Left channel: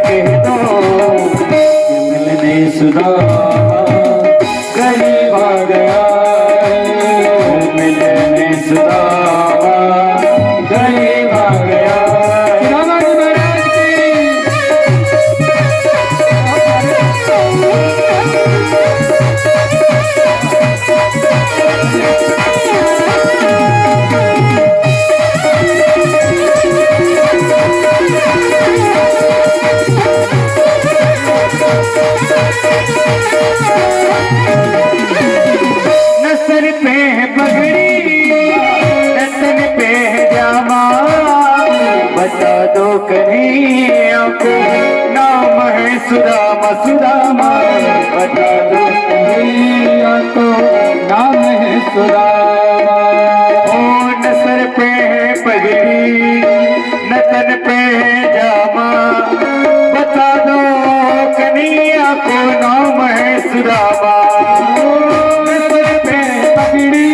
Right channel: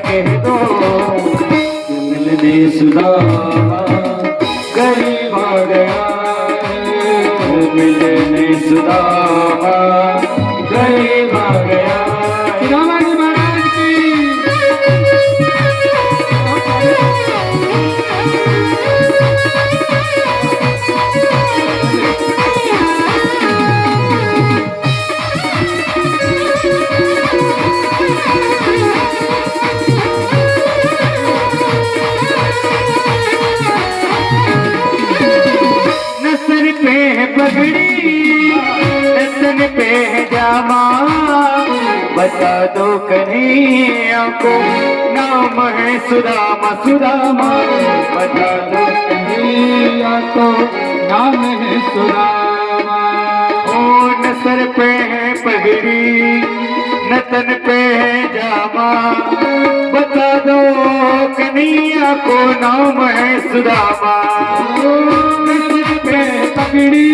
कह दो कि मिलने सुदामा करीब आ गया है, मिलने सुदामा करीब आ गया है। रामाजी महाराज की नसर पे है पगड़ी नसन पे है जामा, बता दो कन्हैया को नाम है सुदामा सुदामा, बता दो कन्हैया को नाम है सुदामा। ओ नसर पे है पगड़ी नतन पे है जामा, बता दो कन्हैया को नाम है सुदामा। नसर पे पगड़ी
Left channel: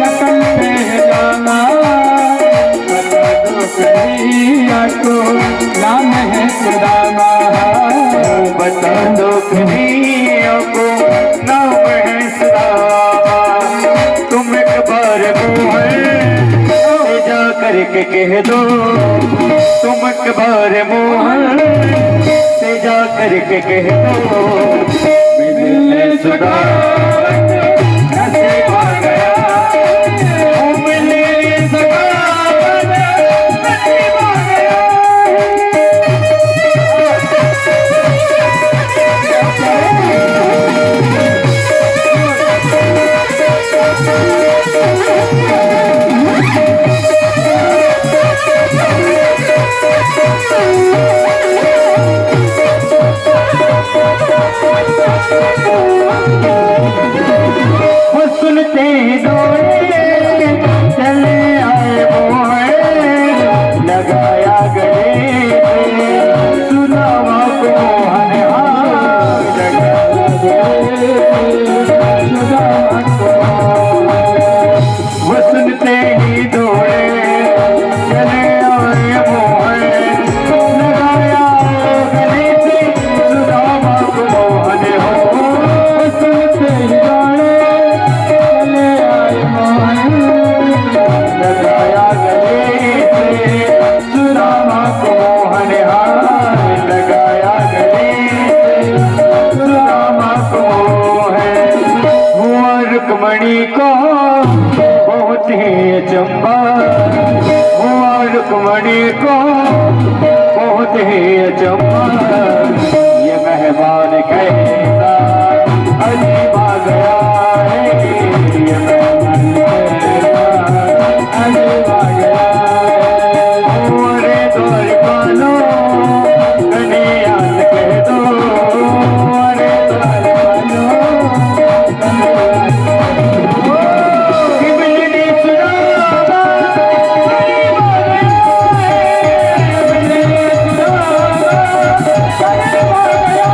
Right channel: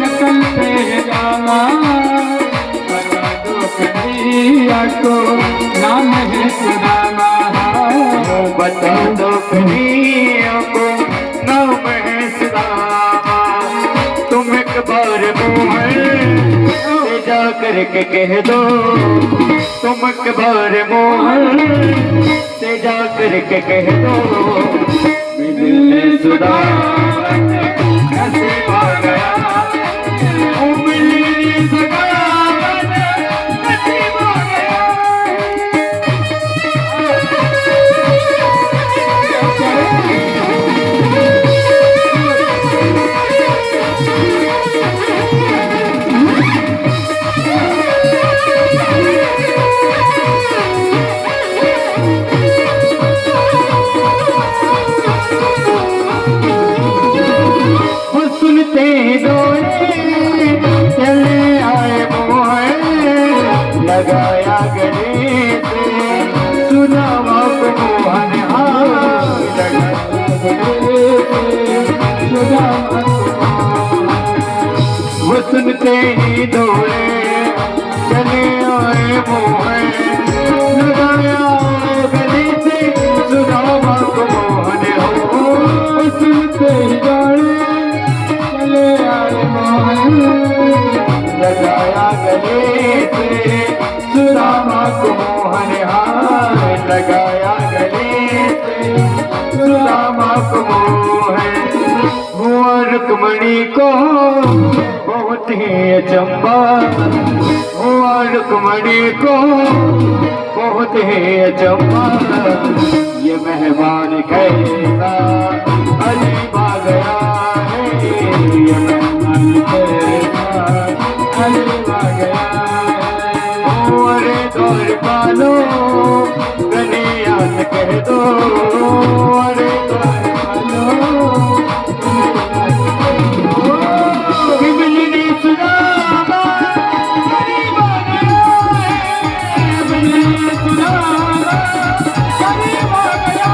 नकल पे है जामा, बता दो कन्हैया को नाम है सुदामा। बता दो कन्हैया को नाम है सुदामा। तुम एक बार मुँह से जा करके कह दो, तुम एक बार मुँह से जा करके कह दो, मिलने सुदामा नसीब आ गया, ओ मिलने सुदामा नसीब आ गया। वो सुनते ही दौड़े चले आए मोहे, लगाया गले से सुदामा को मोहन हाथ, लगाया गले से सुदामा को। वो सुनते ही दौड़े चले आए मोहे, लगाया गले से सुदामा को मोहन हो। वो सुनते ही दौड़े चले आए मोहन, लगाया गले से सुदामा को मोहन हाथ, लगाया गले से सुदामा को मोहन। हुआ रुक्मणी को बहुत ही अचंबा, हुआ रुक्मणी को बहुत ही अचंबा, ये मेहमान कहता अजीब आ गया है, ये मेहमान कहता अजीब आ गया है। ओरे द्वार पालो कन्हैया से कह दो, ओरे द्वार पालो कि मिलने सुदामा करीब आ गया है, मिलने सुदामा करीब आ गया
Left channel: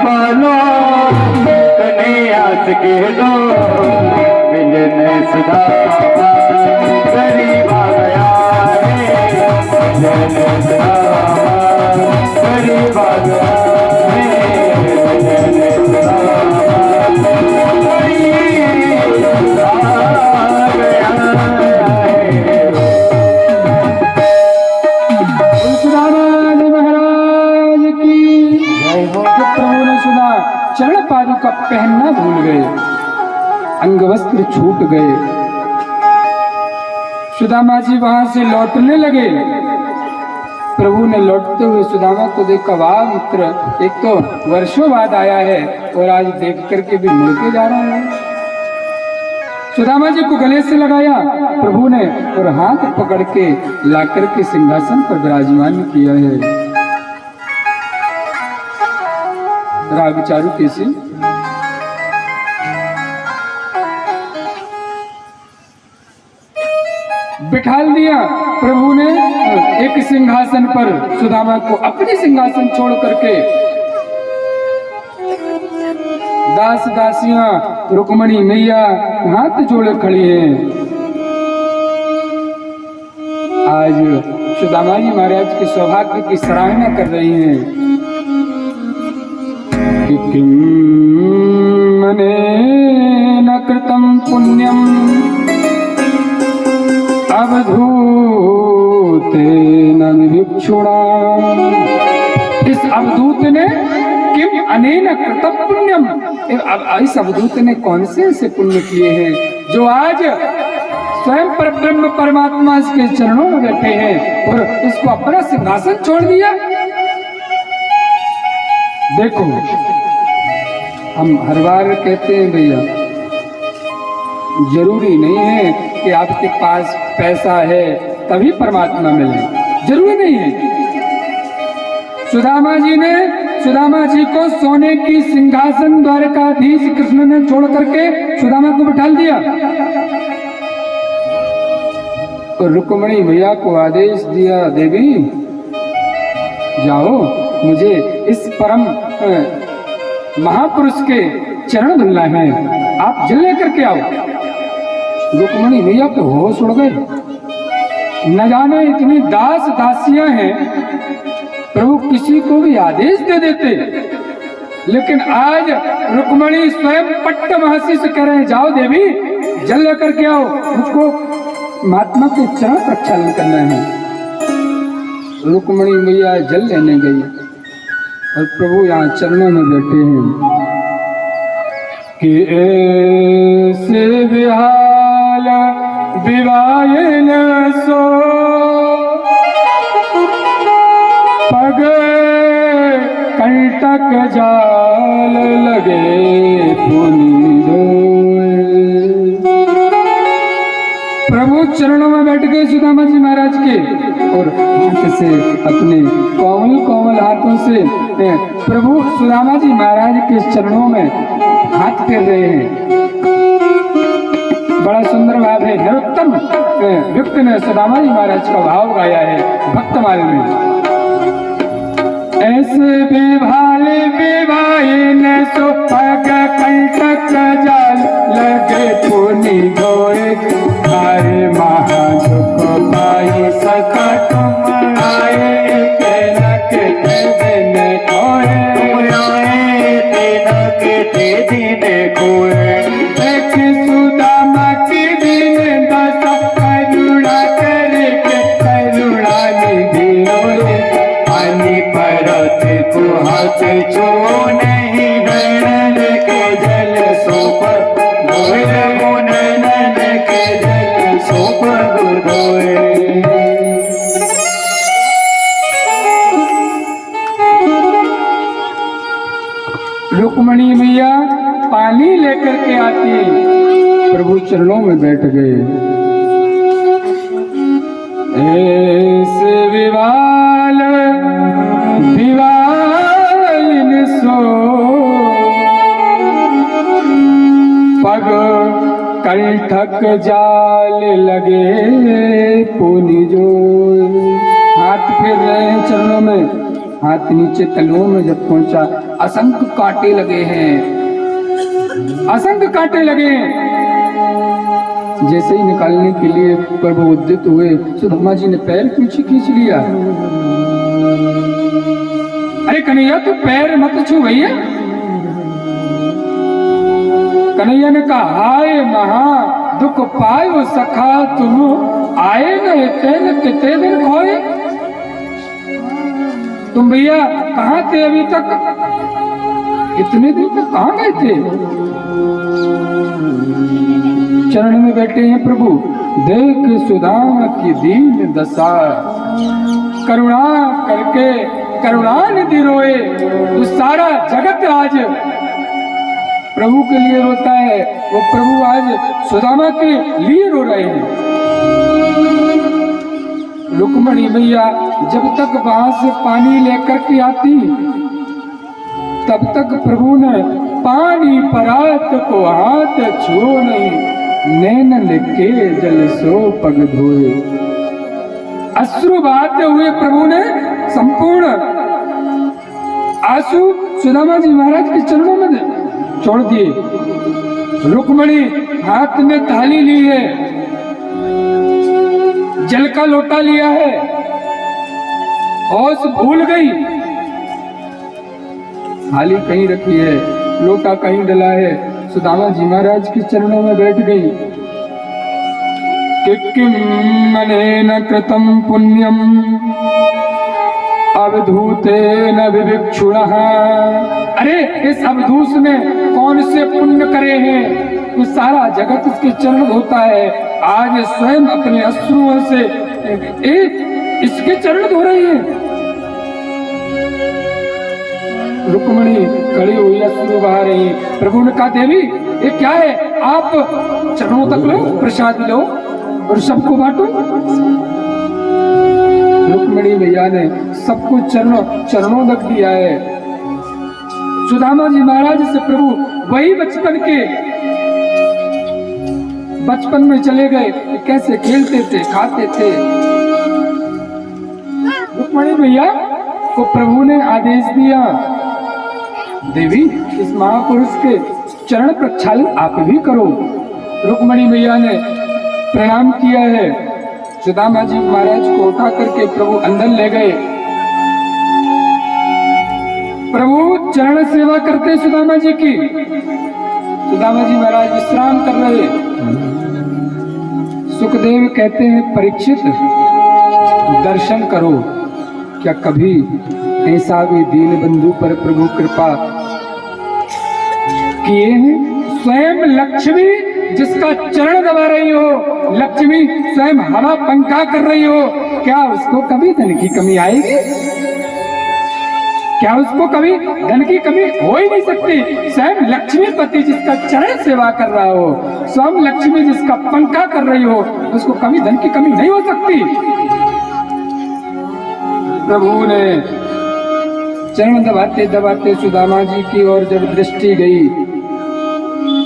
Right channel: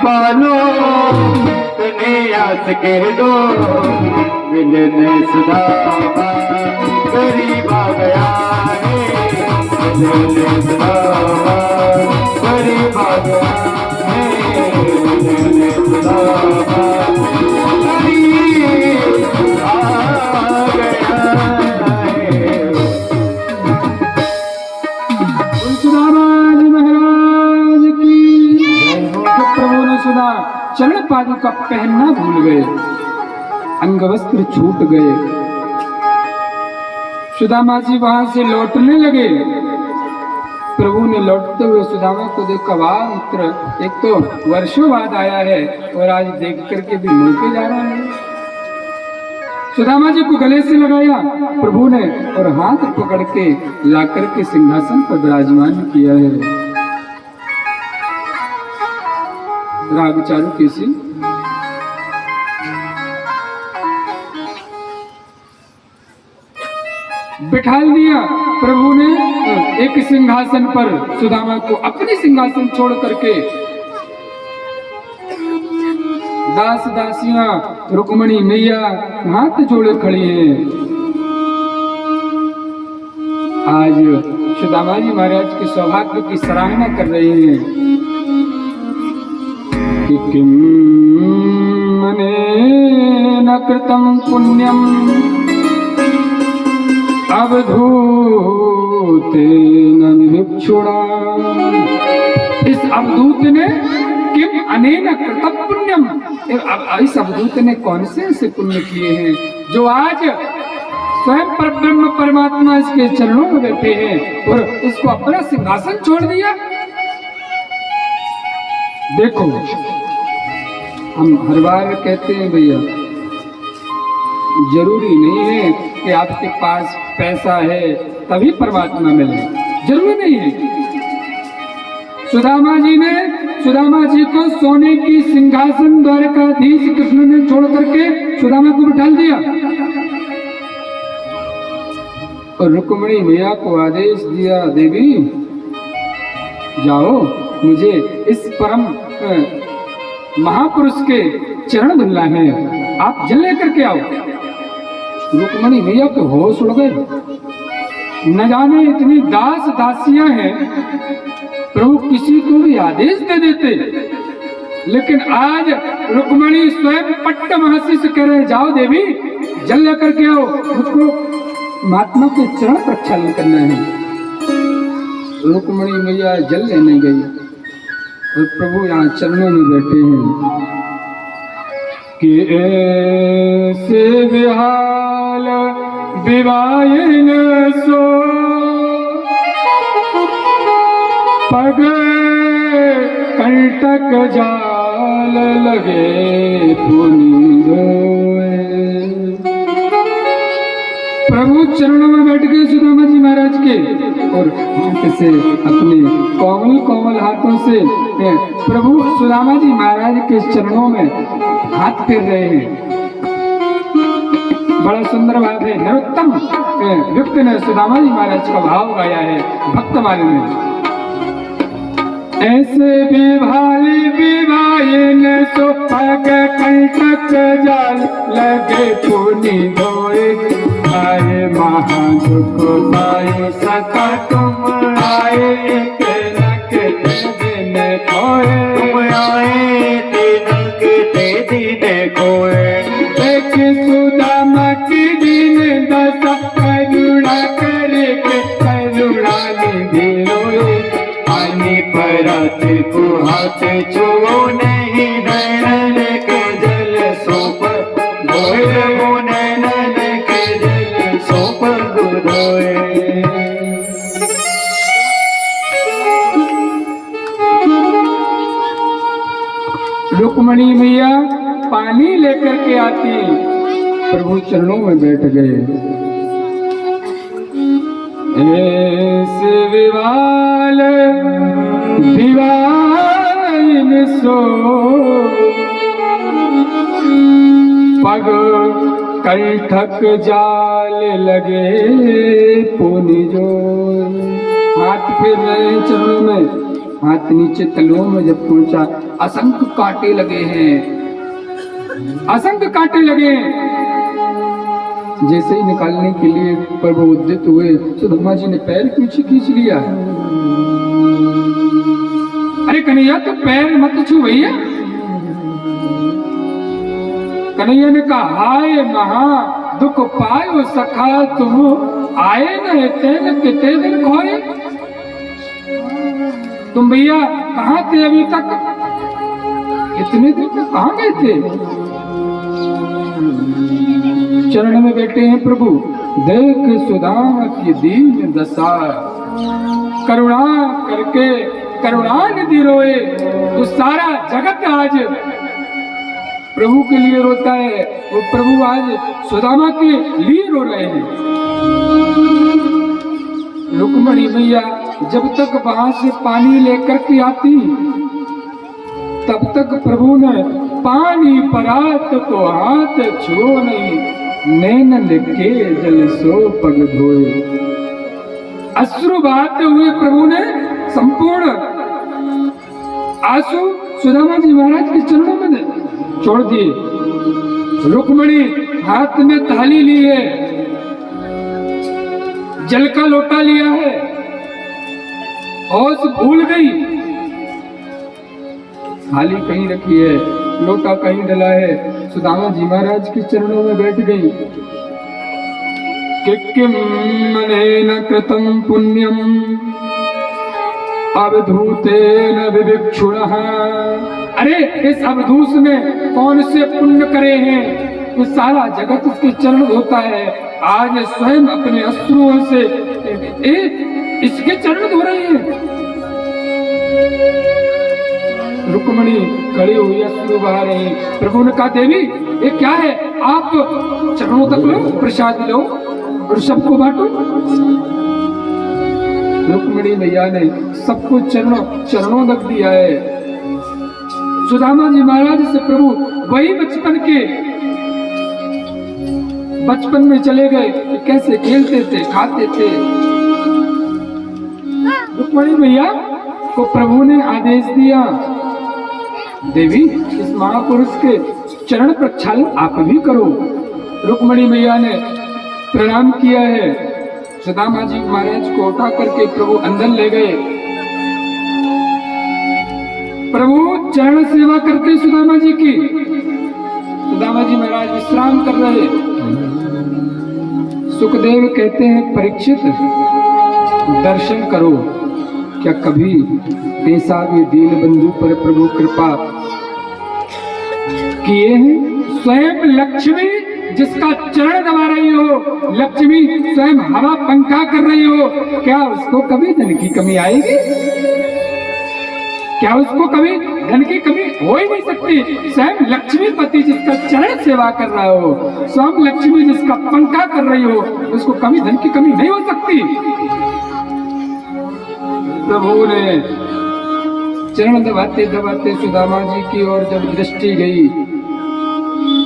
पालो कन्हैया से कह दो, मिलने सुदामा करीब आ गया है, मिलने सुदामा करीब आ गया है, मिलने सुदामा करीब आ गया है। तुलसीदास महाराज की जय हो। तो प्रभु ने सुना चरण पादुका पहनना भूल गए, अंग वस्त्र छूट गए। सुदामा जी वहां से लौटने लगे, प्रभु ने लौटते हुए सुदामा को देखा, वाह मित्र, एक तो वर्षों बाद आया है और आज देख करके भी मिल के जा रहा है। सुदामा जी को गले से लगाया प्रभु ने और हाथ पकड़ के लाकर के सिंहासन पर विराजमान किया है। राग चालू कैसे बिठाल दिया प्रभु ने एक सिंहासन पर, सुदामा को अपनी सिंहासन छोड़ करके दास दासियां रुक्मणी मैया हाथ जोड़े खड़ी हैं। आज सुदामा जी महाराज के सौभाग्य की सराहना कर रही हैं कि किम मनेन कृतं पुण्यम अवधूतेन विभुक्षुणा। इस अवधूत ने किम अनेन कृतं पुण्यम, इस अवधूत ने कौन से ऐसे पुण्य किए हैं जो आज स्वयं पर ब्रह्म परमात्मा इसके चरणों में बैठे हैं और इसको अपना सिंहासन छोड़ दिया। देखो हम हर बार कहते हैं भैया, जरूरी नहीं है कि आपके पास पैसा है तभी परमात्मा मिले, जरूरी नहीं है। सुदामा जी को सोने की सिंहासन द्वारकाधीश कृष्ण ने छोड़ करके सुदामा को बिठा दिया और रुक्मणी मैया को आदेश दिया, देवी जाओ, मुझे इस परम महापुरुष के चरण धुलना है, आप जल लेकर के आओ। रुक्मणी मैया को होश उड़ गए, न जाने इतनी दास दासियां हैं, प्रभु किसी को भी आदेश दे देते, लेकिन आज रुक्मणी स्वयं पट्ट महर्षि से कह रहे, जाओ देवी जल लेकर के आओ, उसको महात्मा के चरण प्रक्षालन करना है। रुक्मणी मैया जल लेने गई और प्रभु यहाँ चरणों में बैठे हैं कि ऐसे विहाल विवायन सो पग कंटक जाल लगे पुनि जोए। प्रभु चरणों में बैठ गए सुदामा जी महाराज के और हाथ से अपने कोमल कोमल हाथों से प्रभु सुदामा जी महाराज के चरणों में हाथ फेर रहे हैं। बड़ा सुंदर भाव है, नरोत्तम व्यक्ति ने सुदामा जी महाराज का भाव गाया है भक्तमाल में। ऐसे विभाल विवायन सो पग कंटक जाल लगे पुनि धोए, आए महादुख पाई सका तुम आए, तेरा के दिन खोए, तेरा के दिन खोए। एक सुदामा की दिन दशा करुणा करके करुणा निधि रोए, पानी परत हाथ छो नहीं नैनन के जल सोप धोए, नैनन के जल सोप धोए। रुक्मणी मैया पानी लेकर के आती, प्रभु चरणों में बैठ गए। ऐसे विवाल विवायन सो पग कंठक जाल लगे पुनि जोए। हाथ फेर रहे हैं चरणों में, हाथ नीचे तलुओं में जब पहुंचा, असंख्य कांटे लगे हैं, असंख्य कांटे लगे। जैसे ही निकालने के लिए प्रभु उद्यत हुए, सुदामा जी ने पैर पीछे खींच लिया। अरे कन्हैया तो पैर मत छू भैया। कन्हैया ने कहा, हाय महा दुख पायो सखा तुम आए न तेन कितने दिन खोए। तुम भैया कहाँ थे अभी तक, इतने दिन तक कहाँ गए थे। चरण में बैठे हैं प्रभु, देख सुदामा की दीन दशा। करुणा करके करुणा निधि रोए, तो सारा जगत आज प्रभु के लिए रोता है। वो प्रभु आज सुदामा के लिए रो रहे हैं। रुक्मणी मैया जब तक वहां से पानी लेकर के आती, तब तक प्रभु ने पानी परात को हाथ छुओ नहीं, नैन लिखे जल सो पग धोए। अश्रु बहाते हुए प्रभु ने संपूर्ण आंसू सुदामा जी महाराज के चरणों में छोड़ दिए। रुक्मणी हाथ में थाली ली है, जल का लोटा लिया है, होश भूल गई। थाली कहीं रखी है, लोटा कहीं डला है, सुदामा जी महाराज के चरणों में बैठ गई। किम मनेन कृतं पुण्यम अवधूतेन विविक्षुणः। अरे इस अवधूत ने कौन से पुण्य करे हैं, तो सारा जगत उसके चरण धोता है। आज स्वयं अपने अश्रुओं से इसके चरण धो रहे हैं। रुक्मणी खड़ी हुई अश्रु बहा रही। प्रभु ने कहा, देवी ये क्या है, आप चरणों तक लो, प्रसाद लो और सबको बांटो। रुक्मणी मैया ने सबको चरणों तक दिया है। सुदामा जी महाराज से प्रभु वही बचपन में चले गए, कैसे खेलते थे, खाते थे। रुक्मणी मैया को प्रभु ने आदेश दिया, देवी इस महापुरुष के चरण प्रक्षालन आप भी करो। रुक्मणी मैया ने प्रणाम किया है। सुदामा जी महाराज को उठा करके प्रभु अंदर ले गए। प्रभु चरण सेवा करते सुदामा जी की। सुदामा जी महाराज विश्राम कर रहे। सुखदेव कहते हैं, परीक्षित दर्शन करो, क्या कभी ऐसा भी दीन बंधु पर प्रभु कृपा किए हैं? स्वयं लक्ष्मी जिसका चरण दबा रही हो, लक्ष्मी स्वयं हवा पंखा कर रही हो, क्या उसको कभी धन की कमी आएगी? क्या उसको कभी धन की कमी हो ही नहीं सकती। स्वयं लक्ष्मीपति जिसका चरण सेवा कर रहा हो, स्वयं लक्ष्मी जिसका पंखा कर रही हो, उसको कभी धन की कमी नहीं हो सकती। प्रभु ने चरण दबाते दबाते सुदामा जी की ओर जब दृष्टि गई,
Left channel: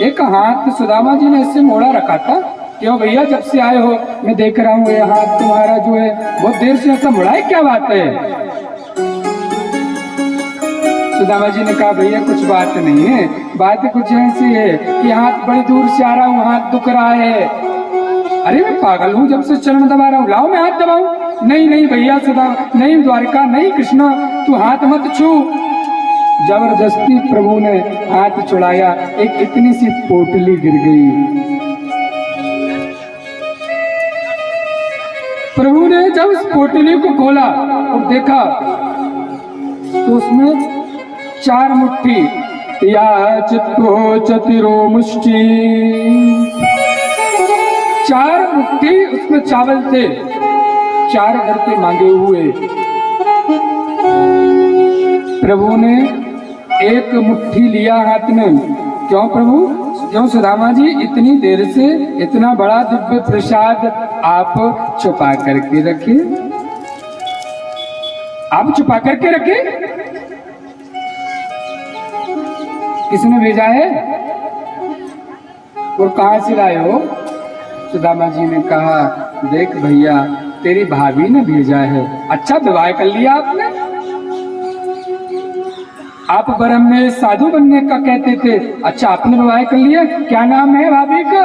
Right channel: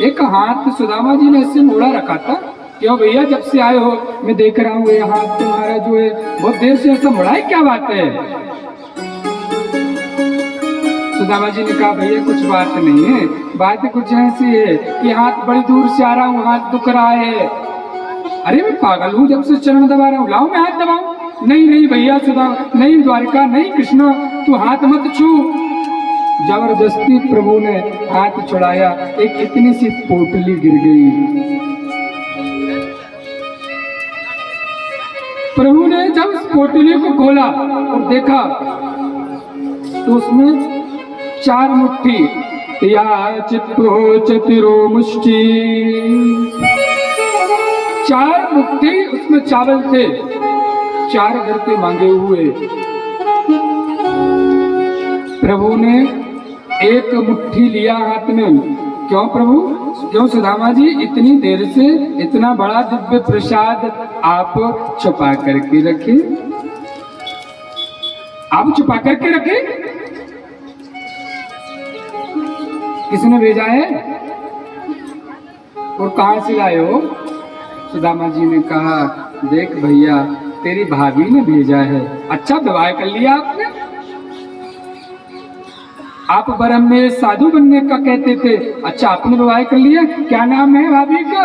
एक हाथ सुदामा जी ने इससे मोड़ा रखा था। क्यों भैया, जब से आए हो मैं देख रहा हूँ ये हाथ तुम्हारा जो है बहुत देर से ऐसा मुड़ा है, क्या बात है? सुदामा जी ने कहा, भैया कुछ बात नहीं है, बात कुछ ऐसी है कि हाथ बड़ी दूर से आ रहा हूँ, हाथ दुख रहा है। अरे मैं पागल हूँ, जब से चरण दबा रहा हूँ, लाओ मैं हाथ दबाऊं। नहीं नहीं भैया, सुदा नहीं, द्वारका नहीं, कृष्णा तू हाथ मत छू। जबरदस्ती प्रभु ने हाथ छुड़ाया, एक इतनी सी पोटली गिर गई। प्रभु ने जब इस पोटली को खोला और देखा तो उसमें 4 मुट्ठी या चित्तो चतिरो मुष्टि, 4 मुट्ठी उसमें चावल थे, 4 घर के मांगे हुए। प्रभु ने एक मुट्ठी लिया हाथ में। क्यों प्रभु? क्यों सुदामा जी, इतनी देर से इतना बड़ा दिव्य प्रसाद आप छुपा करके रखे, आप छुपा करके रखे, किसने भेजा है और कहां से लाए हो? सुदामा जी ने कहा, देख भैया तेरी भाभी ने भेजा है। अच्छा विवाह कर लिया आपने? आप ब्रह्म में साधु बनने का कहते थे, अच्छा आपने विवाह कर लिया, क्या नाम है भाभी का?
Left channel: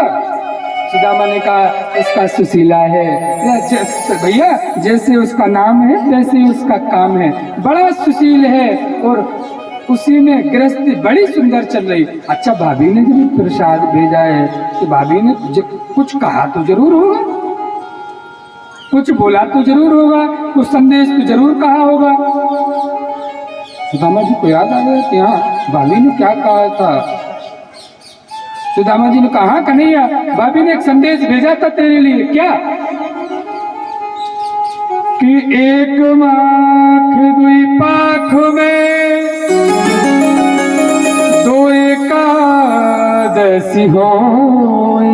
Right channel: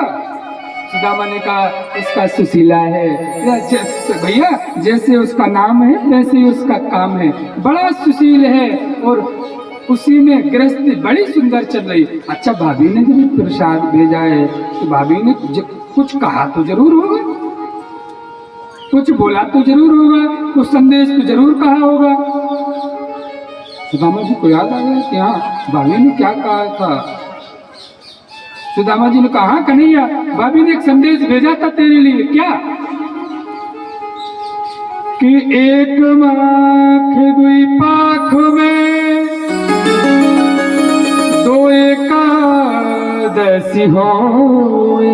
सुदामा ने कहा, इसका सुशीला है। भैया जैसे उसका नाम है वैसे ही उसका काम है, बड़ा सुशील है और उसी में गृहस्थी बड़ी सुंदर चल रही। अच्छा भाभी ने जब प्रसाद भेजा है तो भाभी ने कुछ कहा तो जरूर होगा, कुछ बोला तो जरूर होगा, कुछ संदेश तो जरूर कहा होगा। सुदामा जी को याद आ गया कि हाँ भाभी ने क्या कहा था। सुदामा जी ने कहा, कन्हैया भाभी ने एक संदेश भेजा था तेरे लिए। क्या? कि एक माख दुई पाख में दो एकादशी होए।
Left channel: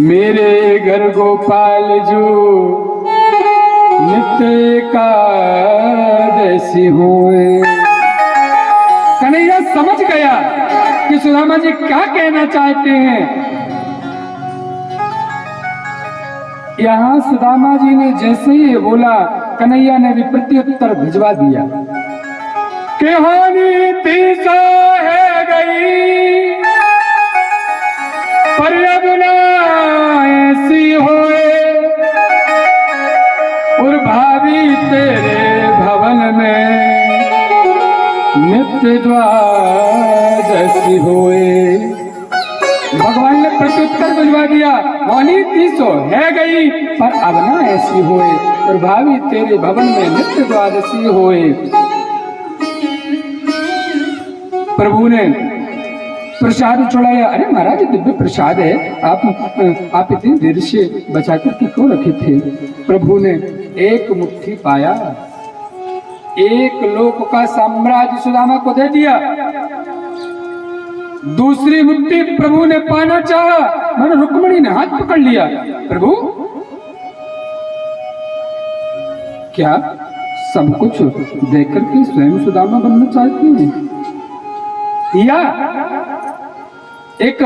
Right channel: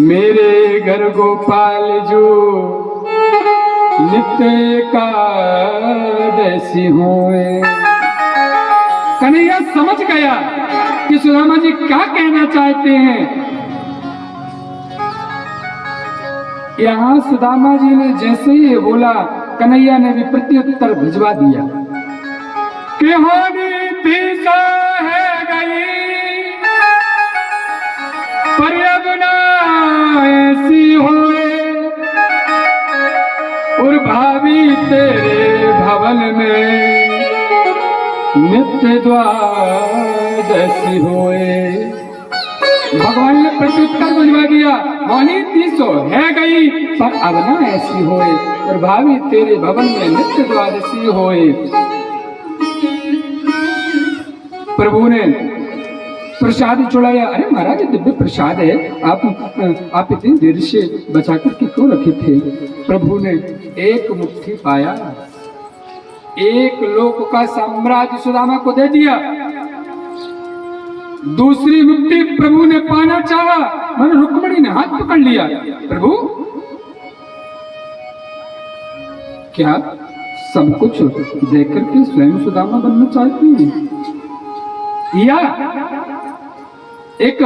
मेरे घर गोपाल जो नित्य एकादशी होए। कन्हैया समझ गया कि सुदामा जी क्या कहना चाहते हैं। यहां सुदामा जी ने जैसे ही ये बोला, कन्हैया ने भी प्रत्युत्तर भिजवा दिया कि हानि तीसा है गई, पर अब ना ऐसी होए। और भाभी तेरे भवन में नित्य द्वादशी होए। भगवान ने प्रत्युत्तर भिजवा दिया, वाणी 300 है गई, पर अब ना ऐसी होए। और भाभी तेरे भवन में नित्य द्वादशी होए। प्रभु ने प्रसाद चढ़ाया। अरे महाराज दिव्य प्रसाद है, आप इतनी देर से बचा करके क्यों रखे थे? प्रभु ने एक मुट्ठी पाया, एक लोक का साम्राज्य सुदामा को दे दिया। दूसरी मुट्ठी प्रभु ने पाना चाहा, मैंने रुक्मिणी ने हाथ पकड़ लिया। प्रभु क्या सब कुछ देकर के स्वयं सुदामा बनना चाहती हैं, या एक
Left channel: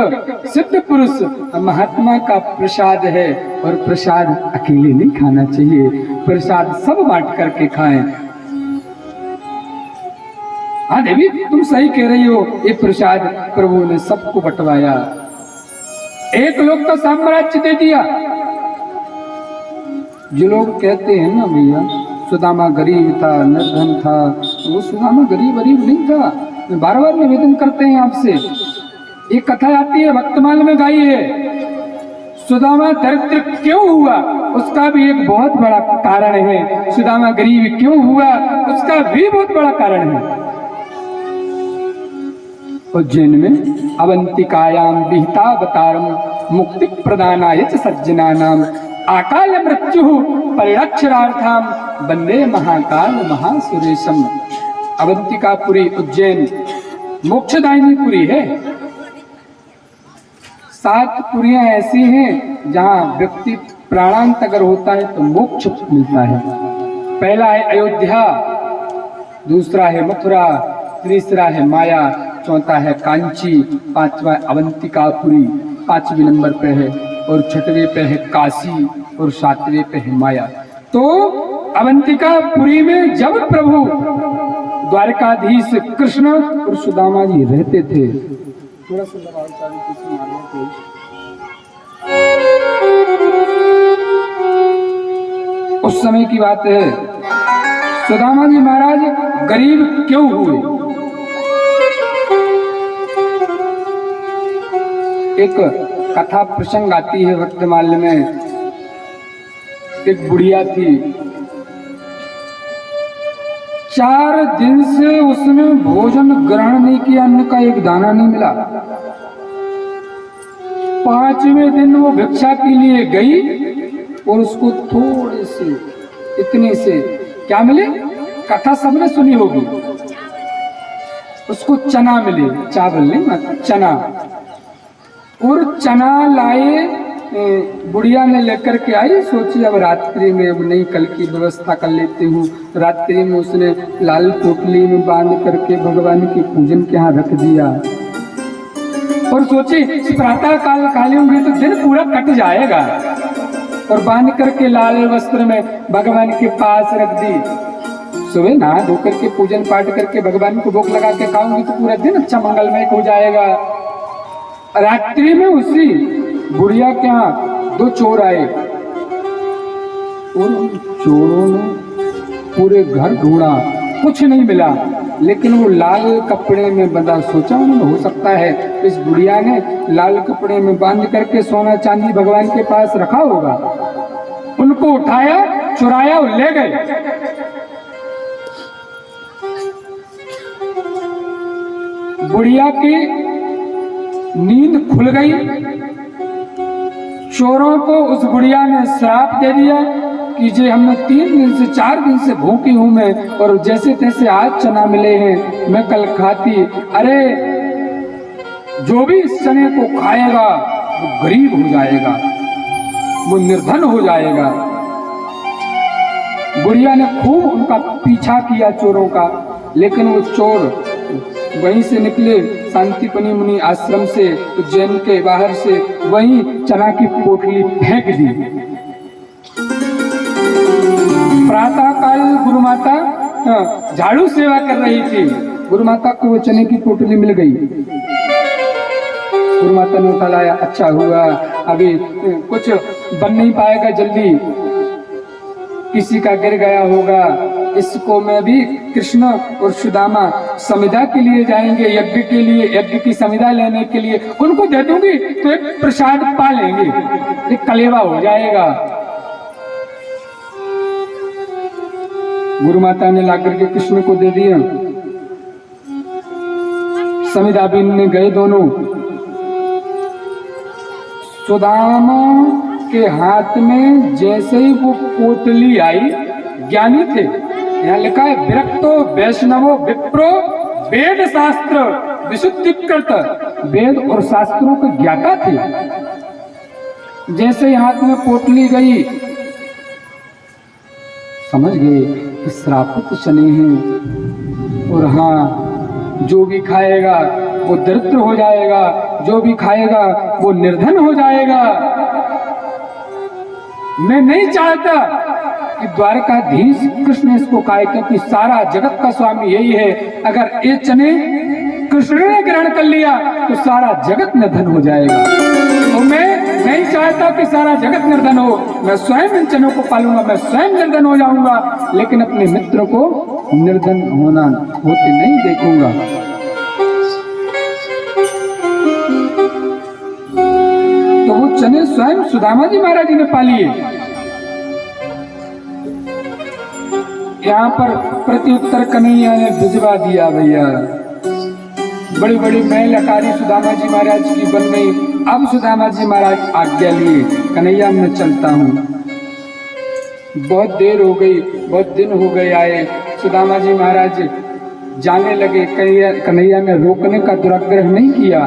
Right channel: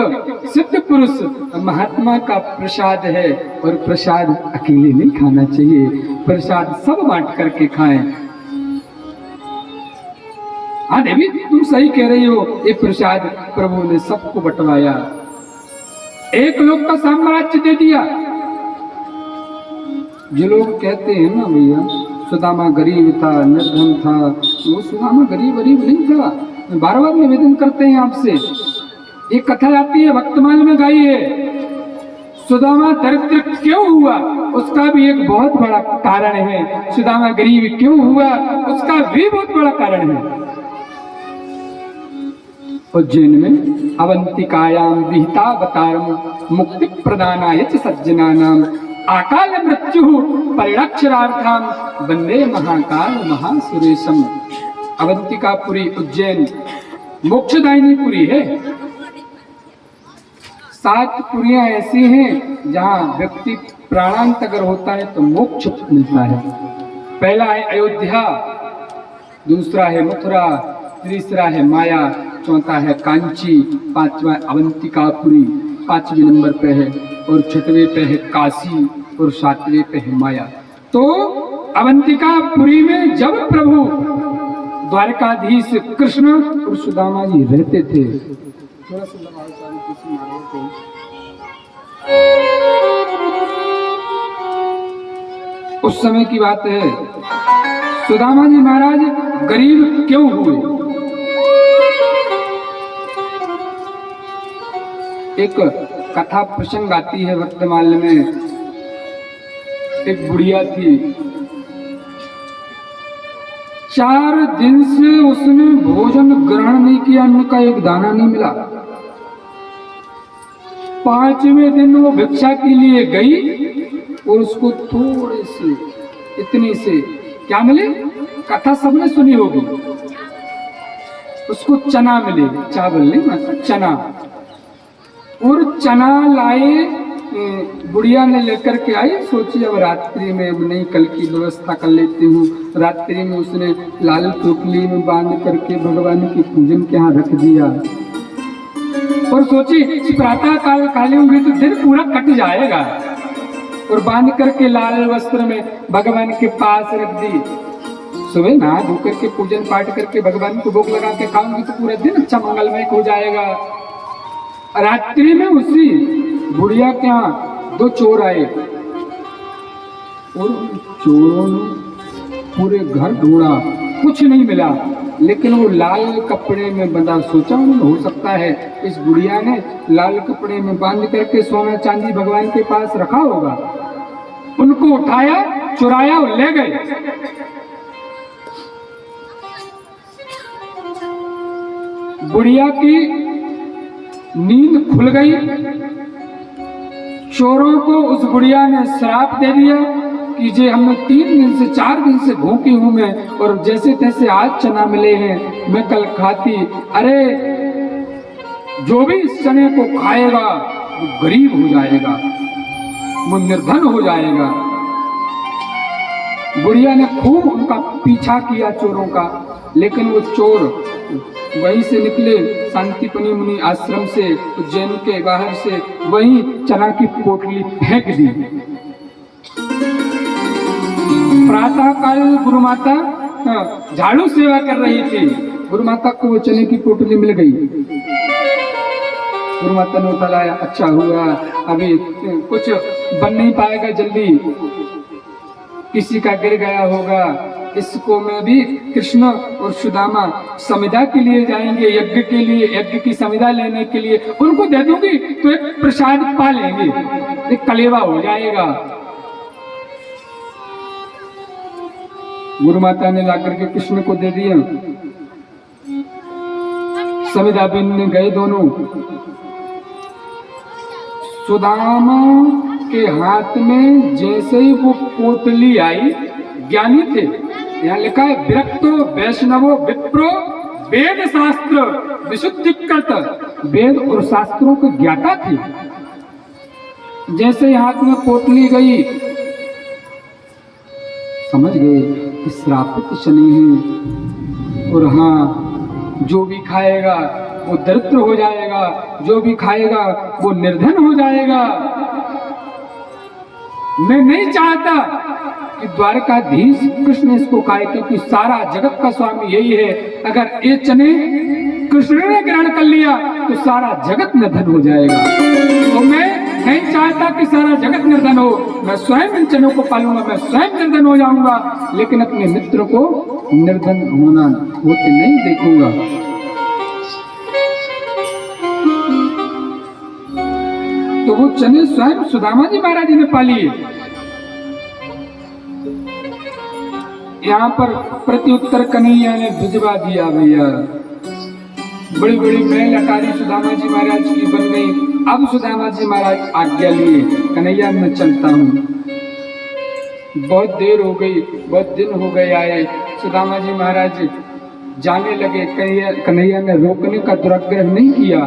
सिद्ध पुरुष महात्मा का प्रसाद है, और प्रसाद अकेले नहीं खाना चाहिए, प्रसाद सब बांट करके खाएं। हाँ देवी तुम सही कह रही हो, ये प्रसाद प्रभु ने सबको बंटवाया, एक लोग का साम्राज्य दे दिया। जो लोग कहते हैं ना भैया सुदामा गरीब था, निर्धन था, वो सुदामा गरीब नहीं था। बार बार निवेदन करते हैं आपसे, एक कथा आती है भक्तमाल में गाई है, सुदामा दरिद्र क्यों हुआ उसका भी एक बहुत बड़ा कारण है, सुदामा गरीब क्यों हुआ उसका भी बहुत बड़ा कारण है। उज्जैन में अवंतिकायाम विहितावतारम मुक्ति प्रदानाय च सज्जनानाम आकाल मृत्यु परिरक्षणार्थम वंदे महाकाल महासुरेशम। अवंतिकापुरी उज्जैन मोक्षदायिनी पुरी है। 7 पुरियां ऐसी हैं जहां व्यक्ति प्राणांत अगर होता है तो मोक्ष मिलता है। पहला है अयोध्या, दूसरा है मथुरा, तीसरा है माया, चौथा है कांची, पांचवा अवंतिकापुरी 5वें नंबर पे है, और 6वें पे है काशी, और 7वें पे है माया। तो अवंतिकापुरी में जब प्रभु द्वारकाधीश कृष्ण और सुदामा जी रहते थे, थोड़ा सा उस समय की बात है। सुदामा जी महाराज गरीब क्यों हुए? एक कथा प्रसंग आती है वर्तमान में। एक बुढ़िया थी, 4 दिन से उसने भोजन ग्रहण नहीं किया, अन्न का एक दाना नहीं मिला। 5वें दिन वो भिक्षा के लिए गई और उसको थोड़े से इतने से क्या मिले, कथा सबने सुनी होगी, उसको चना मिले, चावल नहीं मतलब चना। और चना लाए, बुढ़िया ने लेकर के आई, सोची अब रात्रि में, अब नहीं कल की व्यवस्था कर लेती हूँ। रात्रि में उसने लाल टोकली में बांध करके भगवान की पूजन के यहाँ रख दिया, और सोची प्रातः काल काले हुए तो दिन पूरा कट जाएगा, और बांध करके लाल वस्त्र में भगवान के पास रख दी। सुबह नहा धो करके पूजन पाठ करके भगवान को भोग लगा के खाऊंगी तो पूरा दिन अच्छा मंगलमय हो जाएगा। रात्रि में उसी बुढ़िया के यहाँ 2 चोर आए, और चोरों ने पूरे घर ढूंढा, कुछ नहीं मिला, लेकिन वो लाल कपड़े में बंधा। सोचा उन्होंने हो सकता है इस बुढ़िया ने लाल कपड़े में बांध करके सोना चांदी भगवान के पास रखा होगा। उनको उठाया, चुराया और ले गए। बुढ़िया की नींद खुल गई, चोरों को उस बुढ़िया ने श्राप दे दिया कि जे हमने 3 दिन से 4 दिन से भूखी हूं मैं, और जैसे तैसे आज चना मिले हैं मैं कल खाती। अरे जो भी इस चने को खाएगा वो गरीब हो जाएगा, वो निर्धन हो जाएगा। बुढ़िया ने खूब उनका पीछा किया चोरों का, लेकिन वो चोर वहीं से निकले शांतिपनी मुनि आश्रम से, उज्जैन के बाहर से, वहीं चना की पोटली फेंक दी। प्रातः काल गुरु माता झाड़ू सेवा कर रही थी, गुरु माता को वो चने की पोटली मिल गई। गुरु माता ने उठाया, अच्छा हुआ, अभी कुछ बन नहीं पाएगा जल्दी, किसी का गिर गया होगा, इसको मैं भी कृष्ण और सुदामा समिधा के लिए जाएंगे, यज्ञ के लिए, यज्ञ की समिधा लेने के लिए, उनको दे दूंगी तो एक प्रसाद पा लेंगे, एक कलेवा हो जाएगा। गुरु माता ने लाकर के कृष्ण को दे दिया। समिधा बीनने गए दोनों। सुदामा के हाथ में जैसे ही वो पोटली आई, ज्ञानी थे, यहाँ लिखा है विरक्तो वैष्णवो विप्रो वेद शास्त्र विशुद्धिकृत, वेद और शास्त्रों के ज्ञाता थे। जैसे ही हाथ में पोटली गई समझ गए कि श्रापित शनि है, और हाँ जो भी खाएगा वो दरिद्र हो जाएगा, जो भी खाएगा वो निर्धन हो जाएगा। मैं नहीं चाहता कि द्वारकाधीश कृष्ण इसको खाए, क्योंकि सारा जगत का स्वामी यही है। अगर ये चने कृष्ण ने ग्रहण कर लिया तो सारा जगत निर्धन हो जाएगा, और मैं नहीं चाहता कि सारा जगत निर्धन हो। मैं स्वयं इन चनों को पालूंगा, मैं स्वयं निर्धन हो जाऊंगा, लेकिन अपने मित्र को निर्धन होते नहीं देखूंगा। तो वो चने स्वयं सुदामा जी महाराज जी ने पाली है। यहाँ पर प्रत्युत्तर कन्हैया ने भिजवा दिया भैया, बड़ी बड़ी महल अटारी सुदामा जी महाराज की बन गई। अब सुदामा जी महाराज आज्ञा लिए, कन्हैया मैं चलता हूँ, बहुत देर हो गई, बहुत दिन हो गए आए। सुदामा जी महाराज जाने लगे, कन्हैया ने रोकने का दुराग्रह नहीं किया,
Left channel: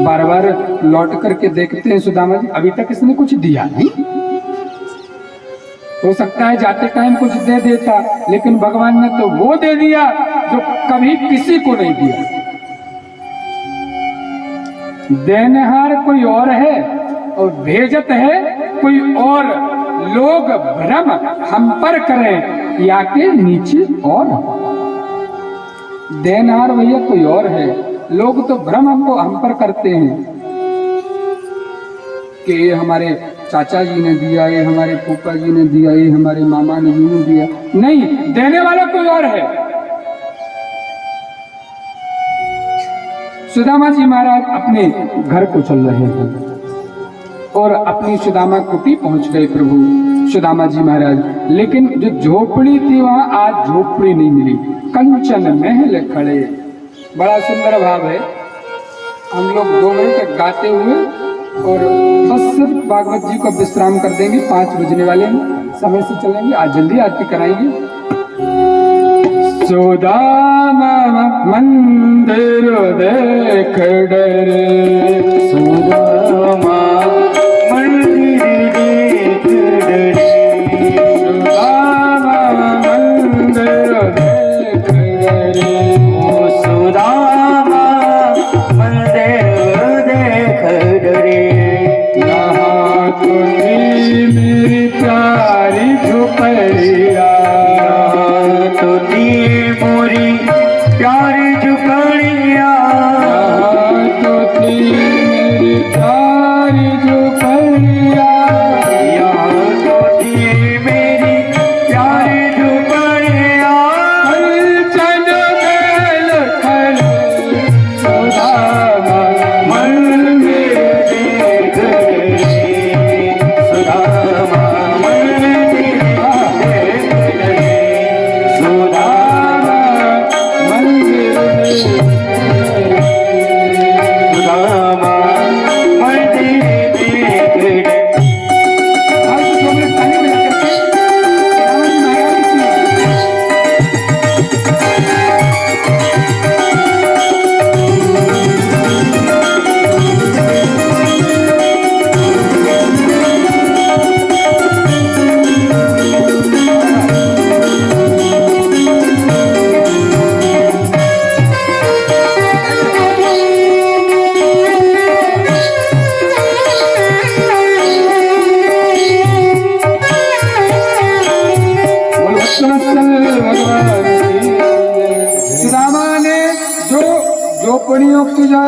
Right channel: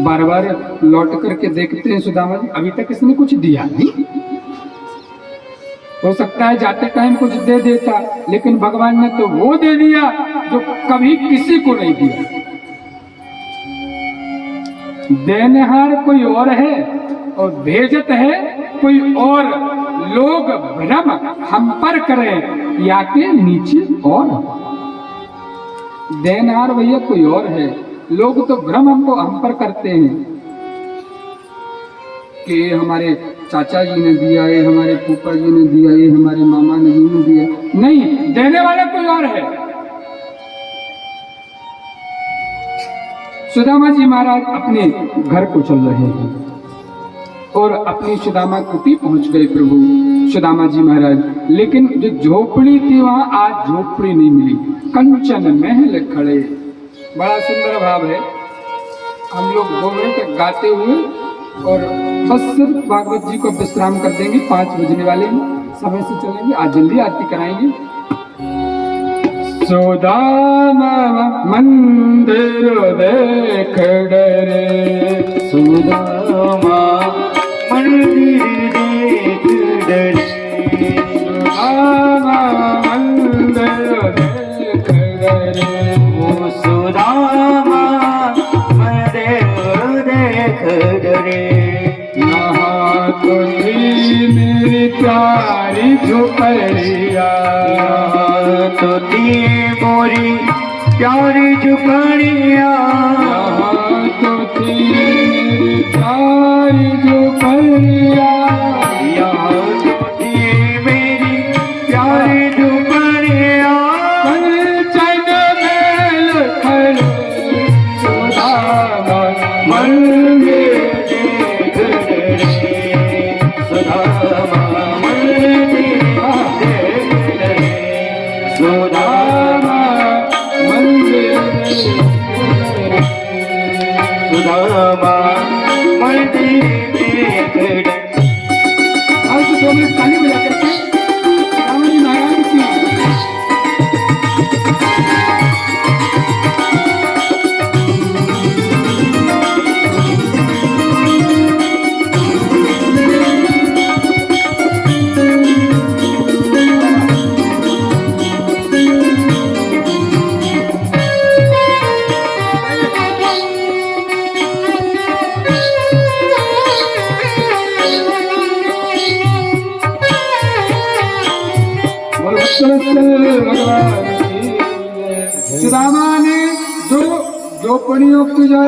बार बार लौट करके देखते हैं सुदामा जी अभी तक इसने कुछ दिया नहीं। हो सकता है जाते टाइम कुछ दे देता, लेकिन भगवान ने तो वो दे दिया जो कभी किसी को नहीं दिया। देनहार कोई और है और भेजत है कोई और। लोग भ्रम हम पर करें या के नीचे और। देनहार भैया कोई और है, लोग तो भ्रम हम पर करते हैं कि ये हमारे चाचा जी ने दिया, ये हमारे फूफा जी ने दिया, ये हमारे मामा ने दिया। नहीं, देने वाला कोई और है। सुदामा जी महाराज अपने घर को चल रहे हैं और अपनी सुदामा कुटी पहुंच गए प्रभु सुदामा जी महाराज। लेकिन जो झोपड़ी थी वहां आज झोपड़ी नहीं मिली, कंचन महल खड़े। बड़ा सुंदर भाव है। हम लोग 2 मिनट गाते हुए और बस सिर्फ भागवत जी को विश्राम कर देंगे। 5 बजने वाले हैं, समय से चलेंगे, आज जल्दी आरती कराएंगे। सुदामा मंदिर देख डरे, सुदामा मंदिर देख डरे, सुदामा मंदिर देख डरे, ओ सुदामा मंदिर देख डरे। यहाँ कोई मेरी प्यारी झोपड़िया, तो दी मोरी प्यारी झुकड़िया, यहाँ तो थी मेरी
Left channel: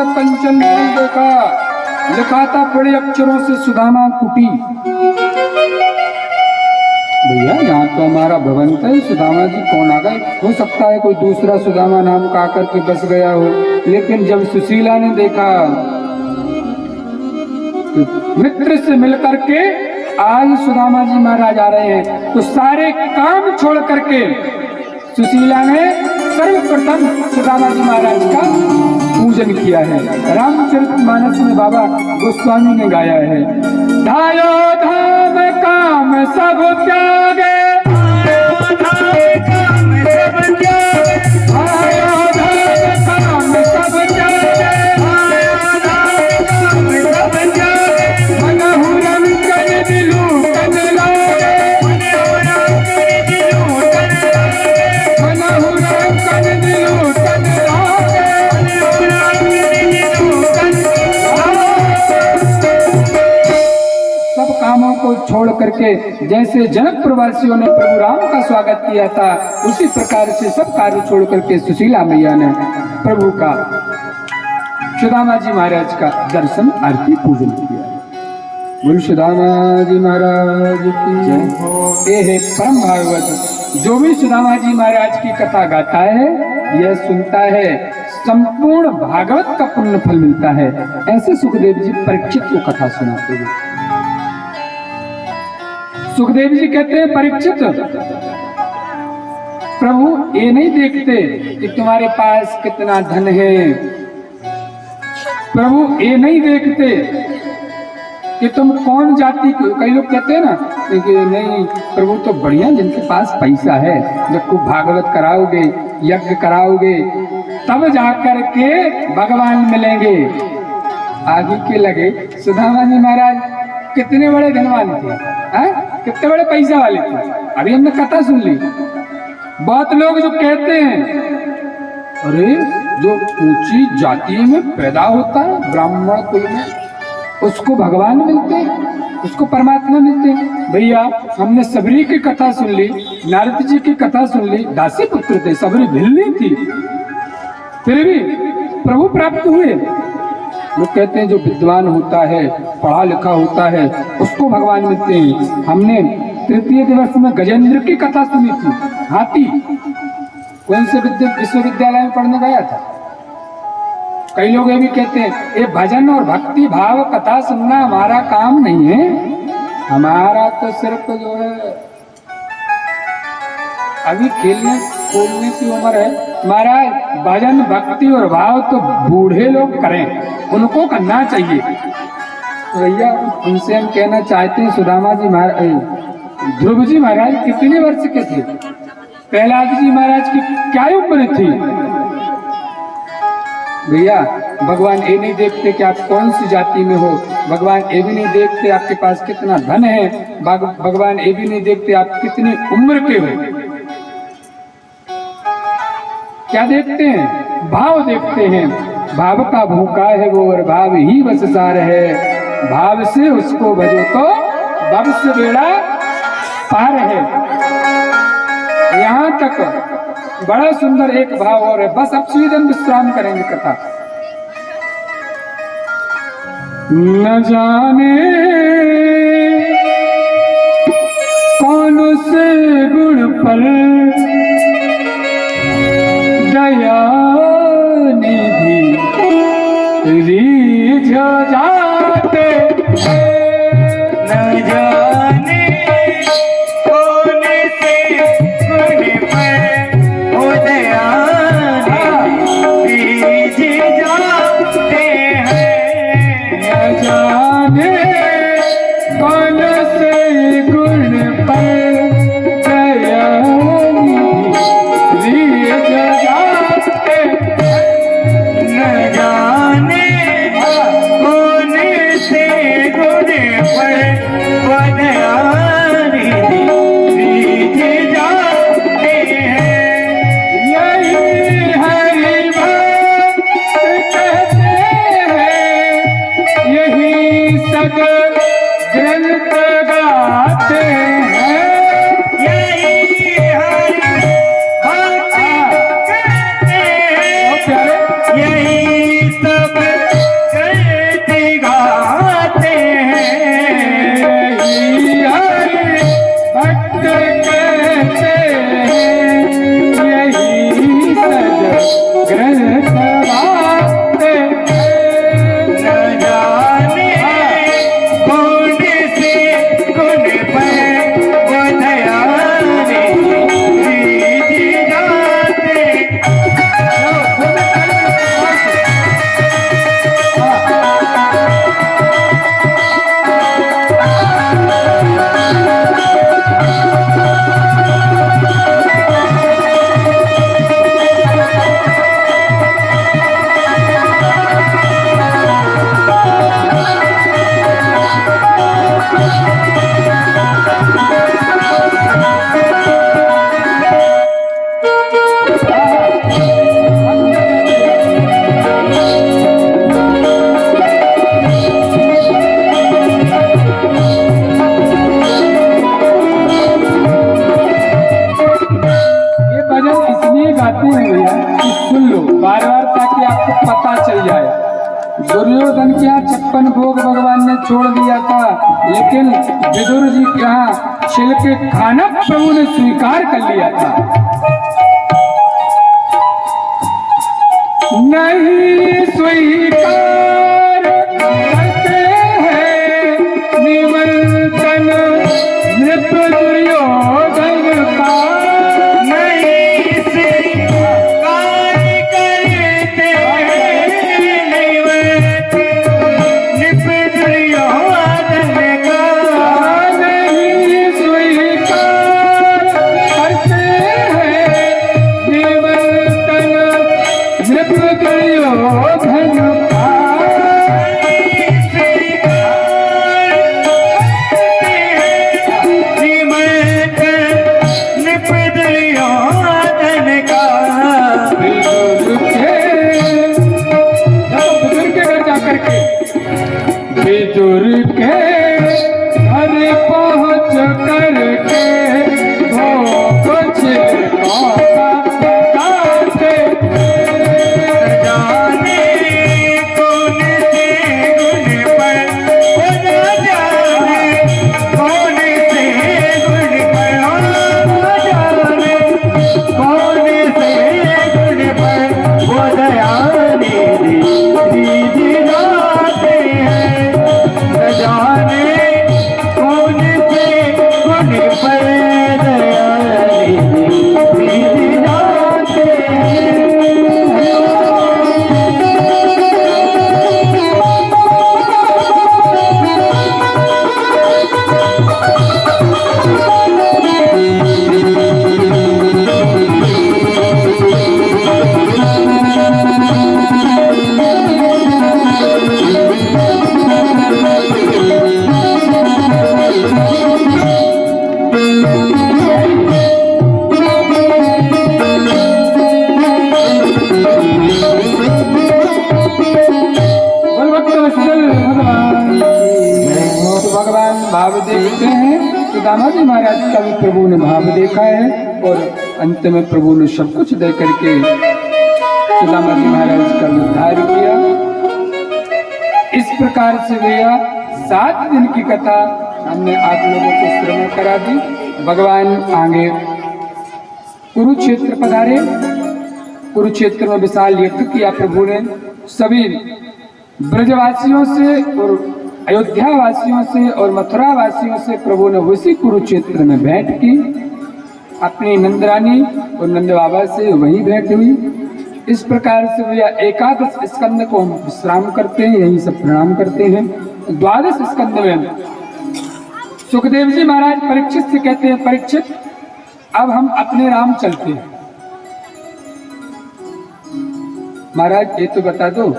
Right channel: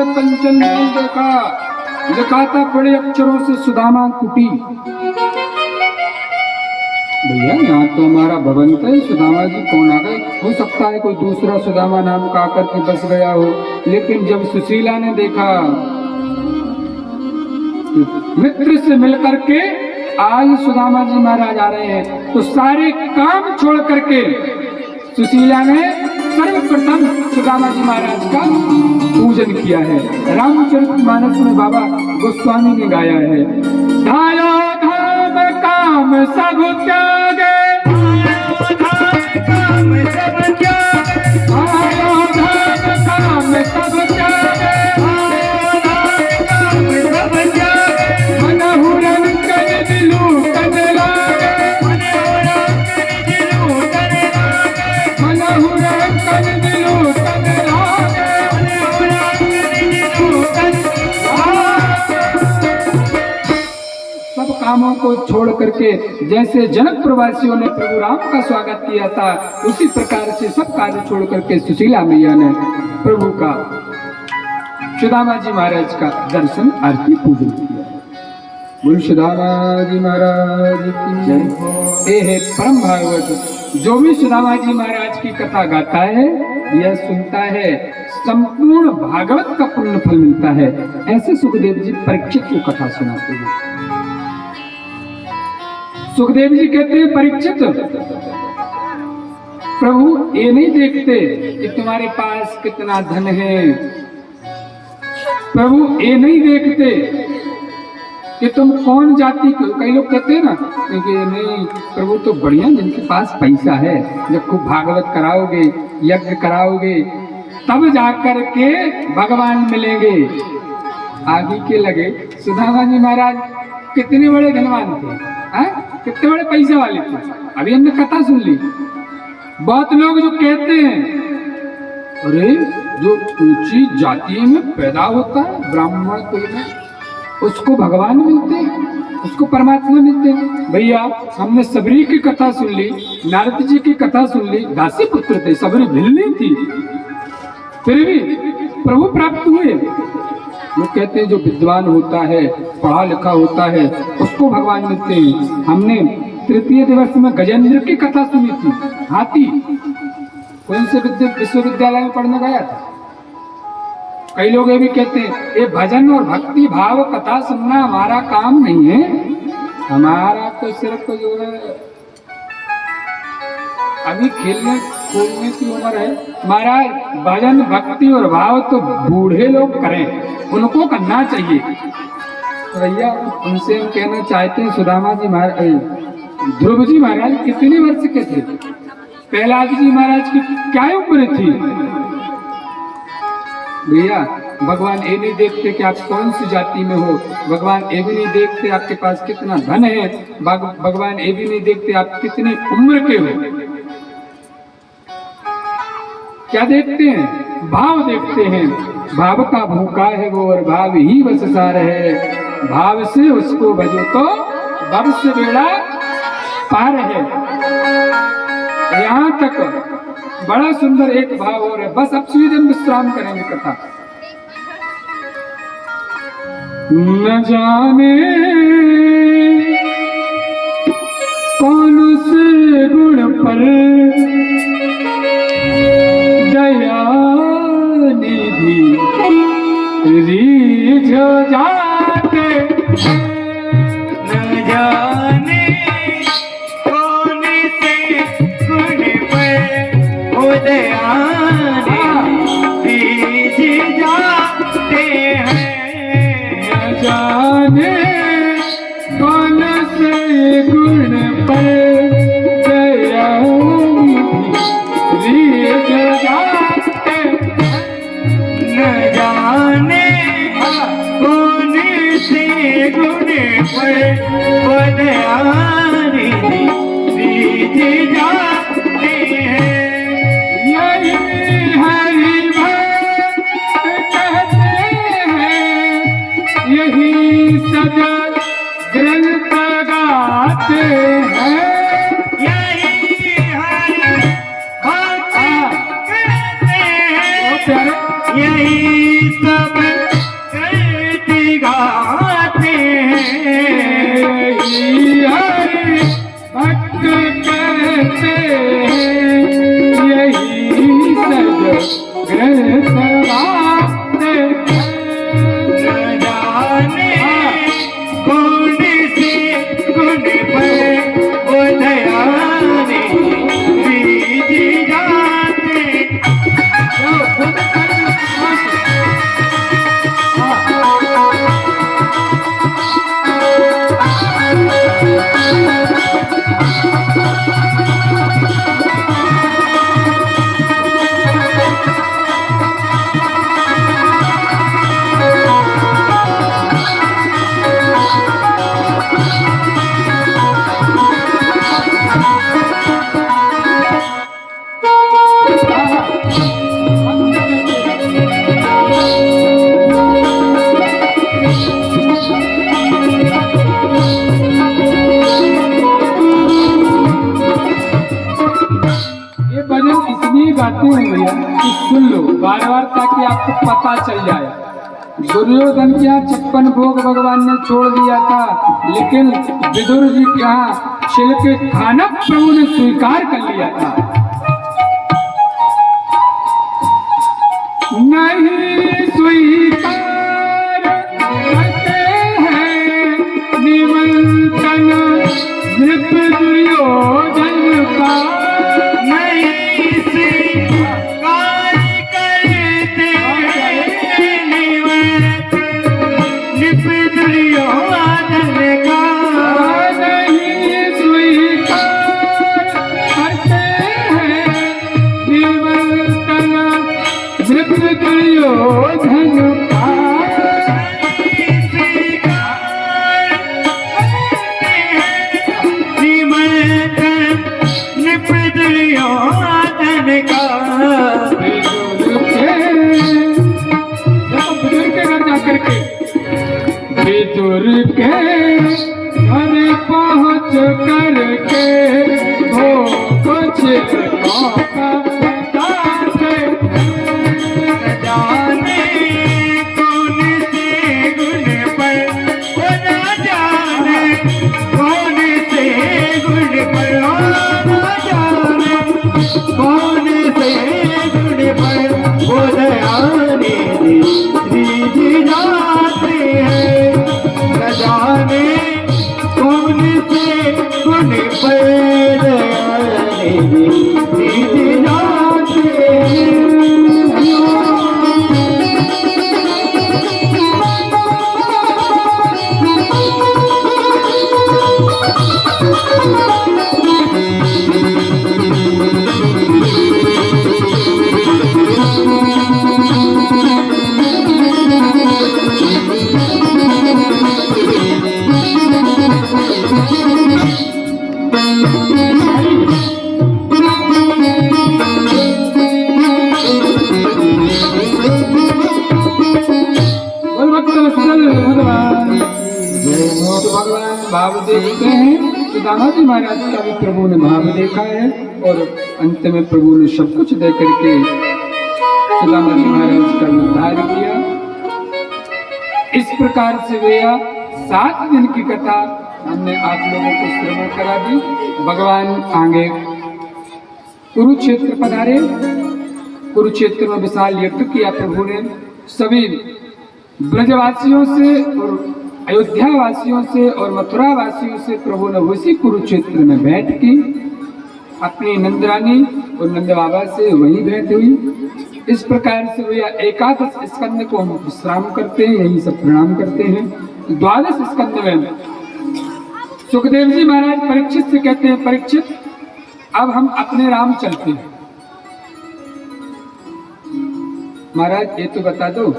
कंचन देखा, लिखा था बड़े अक्षरों से सुदामा कुटी। भैया यहाँ तो हमारा भगवंत है, सुदामा जी कौन आ गए? हो सकता है कोई दूसरा सुदामा नाम का आकर के बस गया हो। लेकिन जब सुशीला ने देखा तो मित्र से मिलकर के आज सुदामा जी महाराज आ रहे हैं, तो सारे काम छोड़ करके सुशीला ने सर्वप्रथम सुदामा जी महाराज का पूजन किया है। रामचरितमानस में बाबा गोस्वामी ने गाया है, धायो धाम काम सब त्यागे, काम सब त्यागे, धायो धाम काम सब त्यागे, काम सब त्यागे, मनहु रंजन दिलु तन लागे, मनहु रंजन दिलु तन लागे। सब कामों को छोड़ करके जैसे जनक प्रवासियों ने प्रभु राम का स्वागत किया था, उसी प्रकार से सब कार्य छोड़ करके सुशीला मैया ने प्रभु का, सुदामा जी महाराज का दर्शन आरती पूजन किया। बोल सुदामा जी महाराज की जय। ये है परम भागवत। जो भी सुदामा जी महाराज की कथा गाता है, यह सुनता है, संपूर्ण भागवत का पुण्य फल मिलता है। ऐसे सुखदेव जी परीक्षित को कथा सुनाते हैं। सुखदेव जी कहते हैं, परीक्षित प्रभु ये नहीं देखते कि तुम्हारे पास कितना धन है, प्रभु ये नहीं देखते कि तुम कौन जाति के। कई लोग कहते हैं ना कि नहीं प्रभु तो बढ़िया, जिनके पास पैसा है, जब खूब भागवत कराओगे, यज्ञ कराओगे, तब जाकर के भगवान मिलेंगे। आगे के लगे सुदामा जी महाराज कितने बड़े धनवान थे, कितने बड़े पैसा वाले थे। अभी हमने कथा सुन ली। बहुत लोग जो कहते हैं, अरे जो ऊंची जाति में पैदा होता है, ब्राह्मण कोई में, उसको भगवान मिलते हैं, उसको परमात्मा मिलते हैं। भैया हमने सबरी की कथा सुन ली, नारद जी की कथा सुन ली। दासी पुत्र थे, सबरी भिल्ली थी, फिर भी प्रभु प्राप्त हुए। लोग कहते हैं जो विद्वान होता है, पढ़ा लिखा होता है, उसको भगवान मिलते हैं। हमने तृतीय दिवस में गजेंद्र की कथा सुनी थी। हाथी कौन से विश्वविद्यालय में पढ़ने गया था। कई लोग ये भी कहते हैं, ये भजन और भक्ति भाव कथा सुनना हमारा काम नहीं है, हमारा तो सिर्फ जो है अभी खेलने खोलने की उम्र है। महाराज भजन भक्ति और भाव तो बूढ़े लोग करें, उनको करना चाहिए। तो भैया उनसे हम कहना चाहते हैं, सुदामा जी महाराज, ध्रुव जी महाराज कितने वर्ष के थे? प्रहलाद जी महाराज की क्या उम्र थी? भैया भगवान ये नहीं देखते कि आप कौन सी जाति में हो, भगवान ये भी नहीं देखते आपके पास कितना धन है, भगवान ये भी नहीं देखते आप कितनी उम्र के हो। क्या देखते हैं? भाव देखते हैं। भाव का भूखा है वो और भाव ही बस सार है, भाव से उसको भजो तो भव से बेड़ा पार है। यहाँ तक बड़ा सुंदर एक भाव और है। बस अब स्वीडन विश्राम करेंगे कथा। न जाने कौन से गुण पर दया निधि रीझ जाते, न जाने कौन से गुण पर उदया रीझ जाते हैं। न जाने कौन से गुण पर दया रीझ जाते, न जाने कौन से गुण पर उदया रीझ जाते हैं। यही हरि भक्त कहते हैं, यही सद ग्रंथ गाते हैं। यही हरि भक्त कहते हैं, प्यारे यही सब दुर्योधन के यहाँ 56 भोग भगवान ने छोड़ दिया था, लेकिन विदुर जी के यहाँ छिलके खाना प्रभु ने स्वीकार कर लिया था। नहीं स्वीकार करते हैं निमंत्रण नृप दुर्योधन का, नहीं स्वीकार करते निमंत्रण नृप दुर्योधन का, नहीं स्वीकार करते हैं निमंत्रण नृप दुर्योधन का। विदुर के घर पहुँच करके वो कुछ सुदामा जी महाराज का भी प्रभु ने भाव देखा है और अंत में प्रभु ने सब कुछ दे करके सुदामा जी महाराज का उद्धार किया। इस प्रकार से भैया 7 दिन की कथा हमने आप लोगों को श्रवण करा दी। भगवान आगे कुरुक्षेत्र पधारे। कुरुक्षेत्र में विशाल यज्ञ किया प्रभु ने। सभी ब्रजवासियों से और अयोध्या वासियों से और मथुरा वासियों से प्रभु ने उसी कुरुक्षेत्र में भेंट की। अपनी नंदरानी और नंद बाबा से वहीं भेंट हुई। इस प्रकार से भैया 11 स्कंद को हम विश्राम करते हैं, यहीं सब प्रणाम करते हैं। 12 स्कंद में सुखदेव जी महाराज परीक्षित से कहते हैं, परीक्षित अब हम अपने राम चलते हैं। महाराज ये तो बता दो,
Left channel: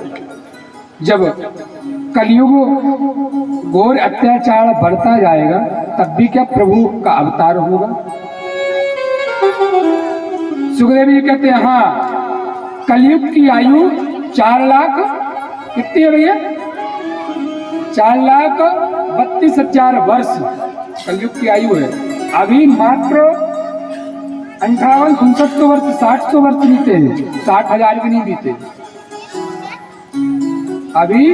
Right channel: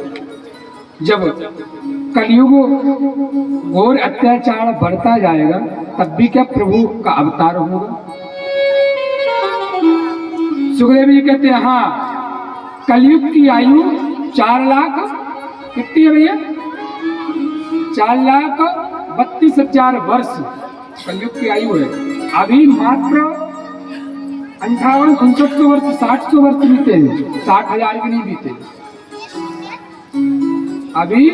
जब कलयुग घोर अत्याचार बढ़ता जाएगा तब भी क्या प्रभु का अवतार होगा? सुखदेव जी कहते हैं हाँ, कलयुग की आयु 4 लाख कितनी है भैया? 4,32,000 वर्ष कलयुग की आयु है। अभी मात्र 58-59 वर्ष 60 वर्ष बीते हैं, 60,000 भी नहीं बीते। अभी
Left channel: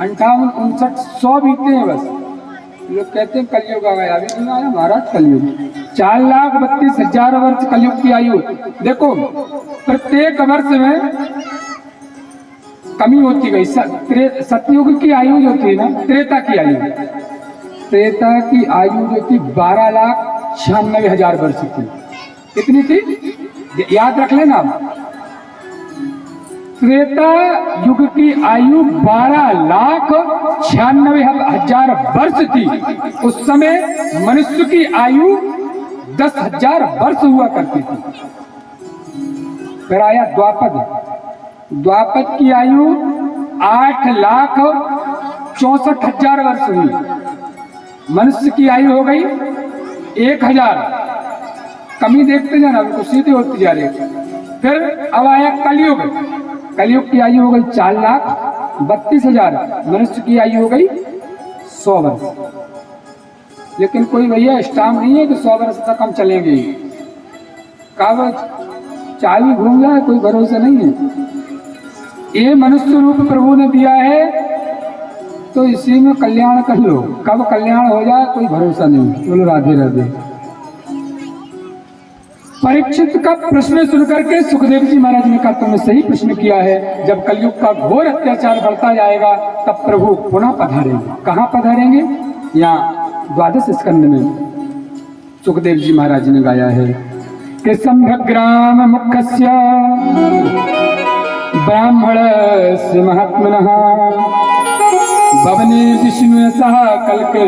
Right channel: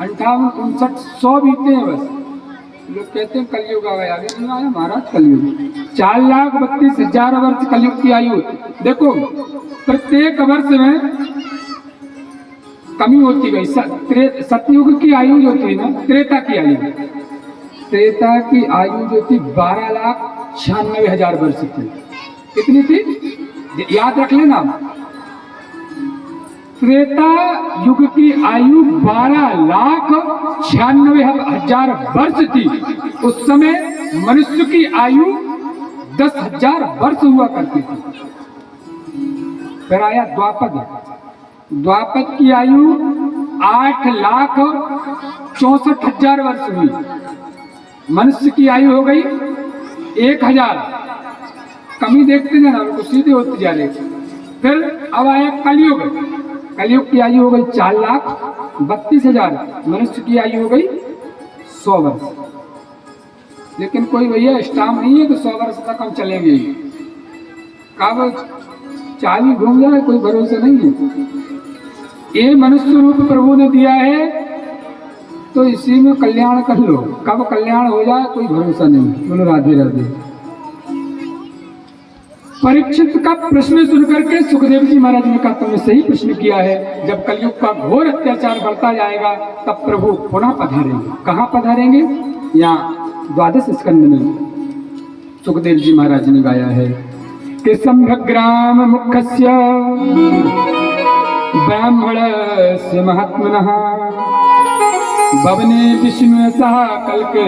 58-59 बीते हैं बस। लोग कहते हैं कलयुग आ गया, अभी नहीं आया महाराज कलयुग। 4,32,000 वर्ष कलयुग की आयु। देखो प्रत्येक वर्ष में कमी होती गई। सतयुग की आयु जो थी ना, त्रेता की आयु, त्रेता की आयु जो थी 12,96,000 वर्ष थी। कितनी थी याद रख लेना। त्रेता युग की आयु 12,96,000 वर्ष थी। उस समय मनुष्य की आयु 10,000 वर्ष हुआ करती थी। फिर आया द्वापद। द्वापद की आयु 8,64,000 वर्ष हुई। मनुष्य की आयु हो गई 1,000। कमी देखते जाना, तो सीधे होती जा रही। फिर अब आया कलयुग। कलयुग की आयु हो गई 4,32,000। मनुष्य की आयु हो गई 100 वर्ष। लेकिन कोई भैया स्टाम्प नहीं है कि 100 वर्ष तक हम चलेंगे। कागज चाली घूम जाए कोई भरोसा नहीं है। ये मनुष्य रूप प्रभु ने दिया है, तो इसी में कल्याण कर लो। कब कल्याण हो जाए कोई भरोसा नहीं। बोलो राधे राधे। परीक्षित का प्रश्न सुनकर के सुखदेव जी महाराज ने कहा तुमने सही प्रश्न किया है। जब कलयुग का घोर अत्याचार बढ़ता जाएगा तब प्रभु पुनः पधारेंगे। कहाँ पधारेंगे? यहाँ 12वें स्कंद में सुखदेव जी महाराज ने गाया है कि संभग्राम मुखस्य ब्राह्मणस्य महात्मनः भवने विष्णु सह कल्के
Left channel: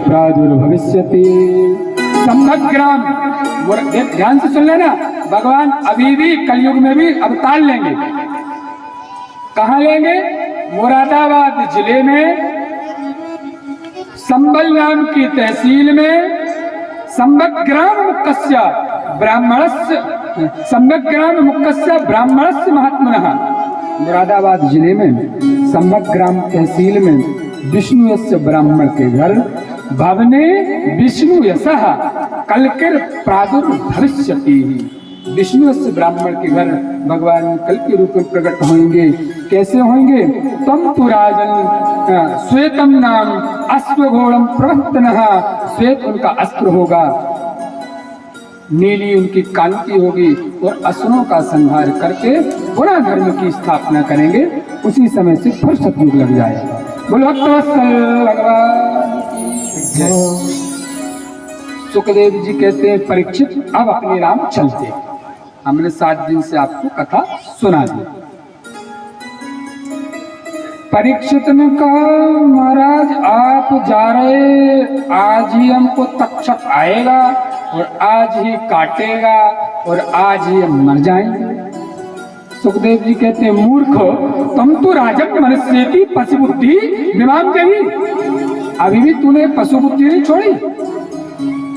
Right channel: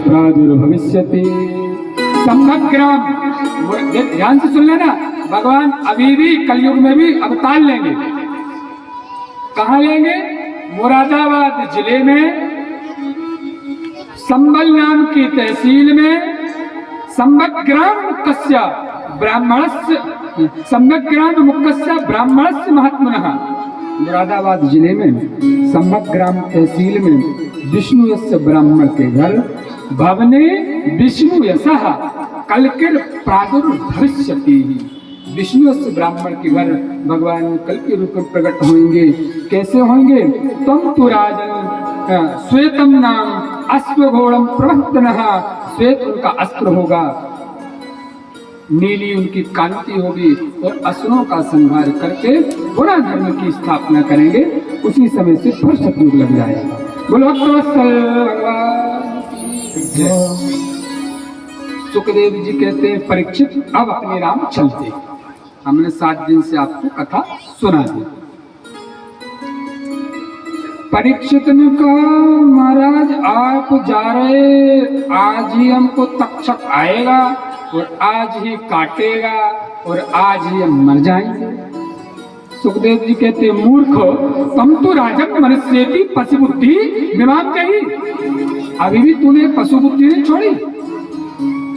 प्रादुर्भविष्यति। संभग्राम, ध्यान से सुन लेना, भगवान अभी भी कलयुग में भी अवतार लेंगे। कहाँ लेंगे? मुरादाबाद जिले में संबल नाम की तहसील में संभग्राम मुक्कस्य ब्राह्मणस्य महात्मनः। मुरादाबाद जिले में संभग्राम तहसील में विष्णु यस्य ब्राह्मण के घर भवने विष्णु यशः कल्किर प्रादुर्भविष्यति। विष्णु यस्य ब्राह्मण के घर भगवान कल के रूप में प्रकट होंगे। कैसे होंगे? तम तु राजन श्वेतम नाम अश्वघोड़म प्रवक्तनः। श्वेत उनका अस्त्र होगा, नीली उनकी कांति होगी और असुरों का संहार करके पुरा धर्म की स्थापना करेंगे। उसी समय से फिर सतयुग लग जाएगा। बोलो भगवान की जय। सुखदेव जी कहते हैं परीक्षित अब अपने राम चलते। हमने 7 दिन से आपको कथा सुना दी। परीक्षित ने कहा महाराज आप जा रहे, आज ही हमको तक्षक आएगा और आज ही काटेगा और आज ही हम मर जाएंगे। सुखदेव जी कहते हैं मूर्खो तुम तो राजन मनुष्य पशु बुद्धि दिमाग चाहिए। अभी भी तूने पशु बुद्धि नहीं छोड़ी।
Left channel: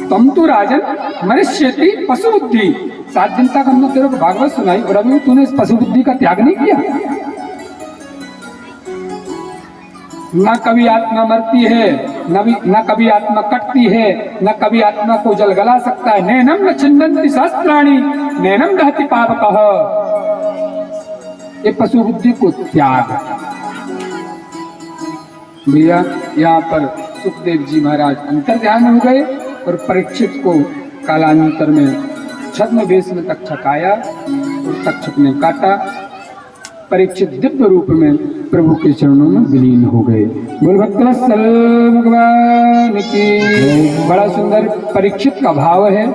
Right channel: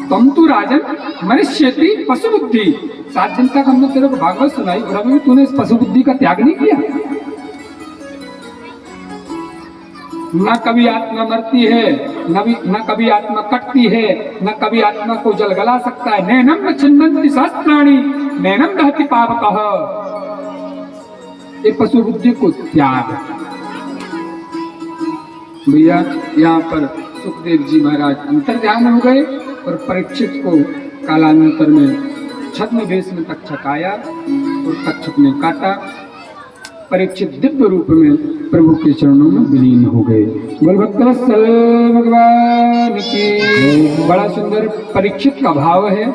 तुम तो राजन मनुष्य पशु बुद्धि। 7 दिन तक हमने तेरे को भागवत सुनाई और अभी भी तूने इस पशु बुद्धि का त्याग नहीं किया। न कभी आत्मा मरती है, न कभी आत्मा कटती है, न कभी आत्मा को जल गला सकता है। नैनम न छिन्दन्ति सहस्त्राणि नैनम दहति पावकः। ये पशु बुद्धि को त्याग। भैया यहाँ पर सुखदेव जी महाराज अंतर ध्यान हो गए और परीक्षित को कालांतर में छद्म वेश में तक्षक आया और तक्षक ने काटा। परीक्षित दिव्य रूप में प्रभु के चरणों में विलीन हो गए। बोल भक्तवत्सल भगवान की। बड़ा सुंदर परीक्षित का भाव है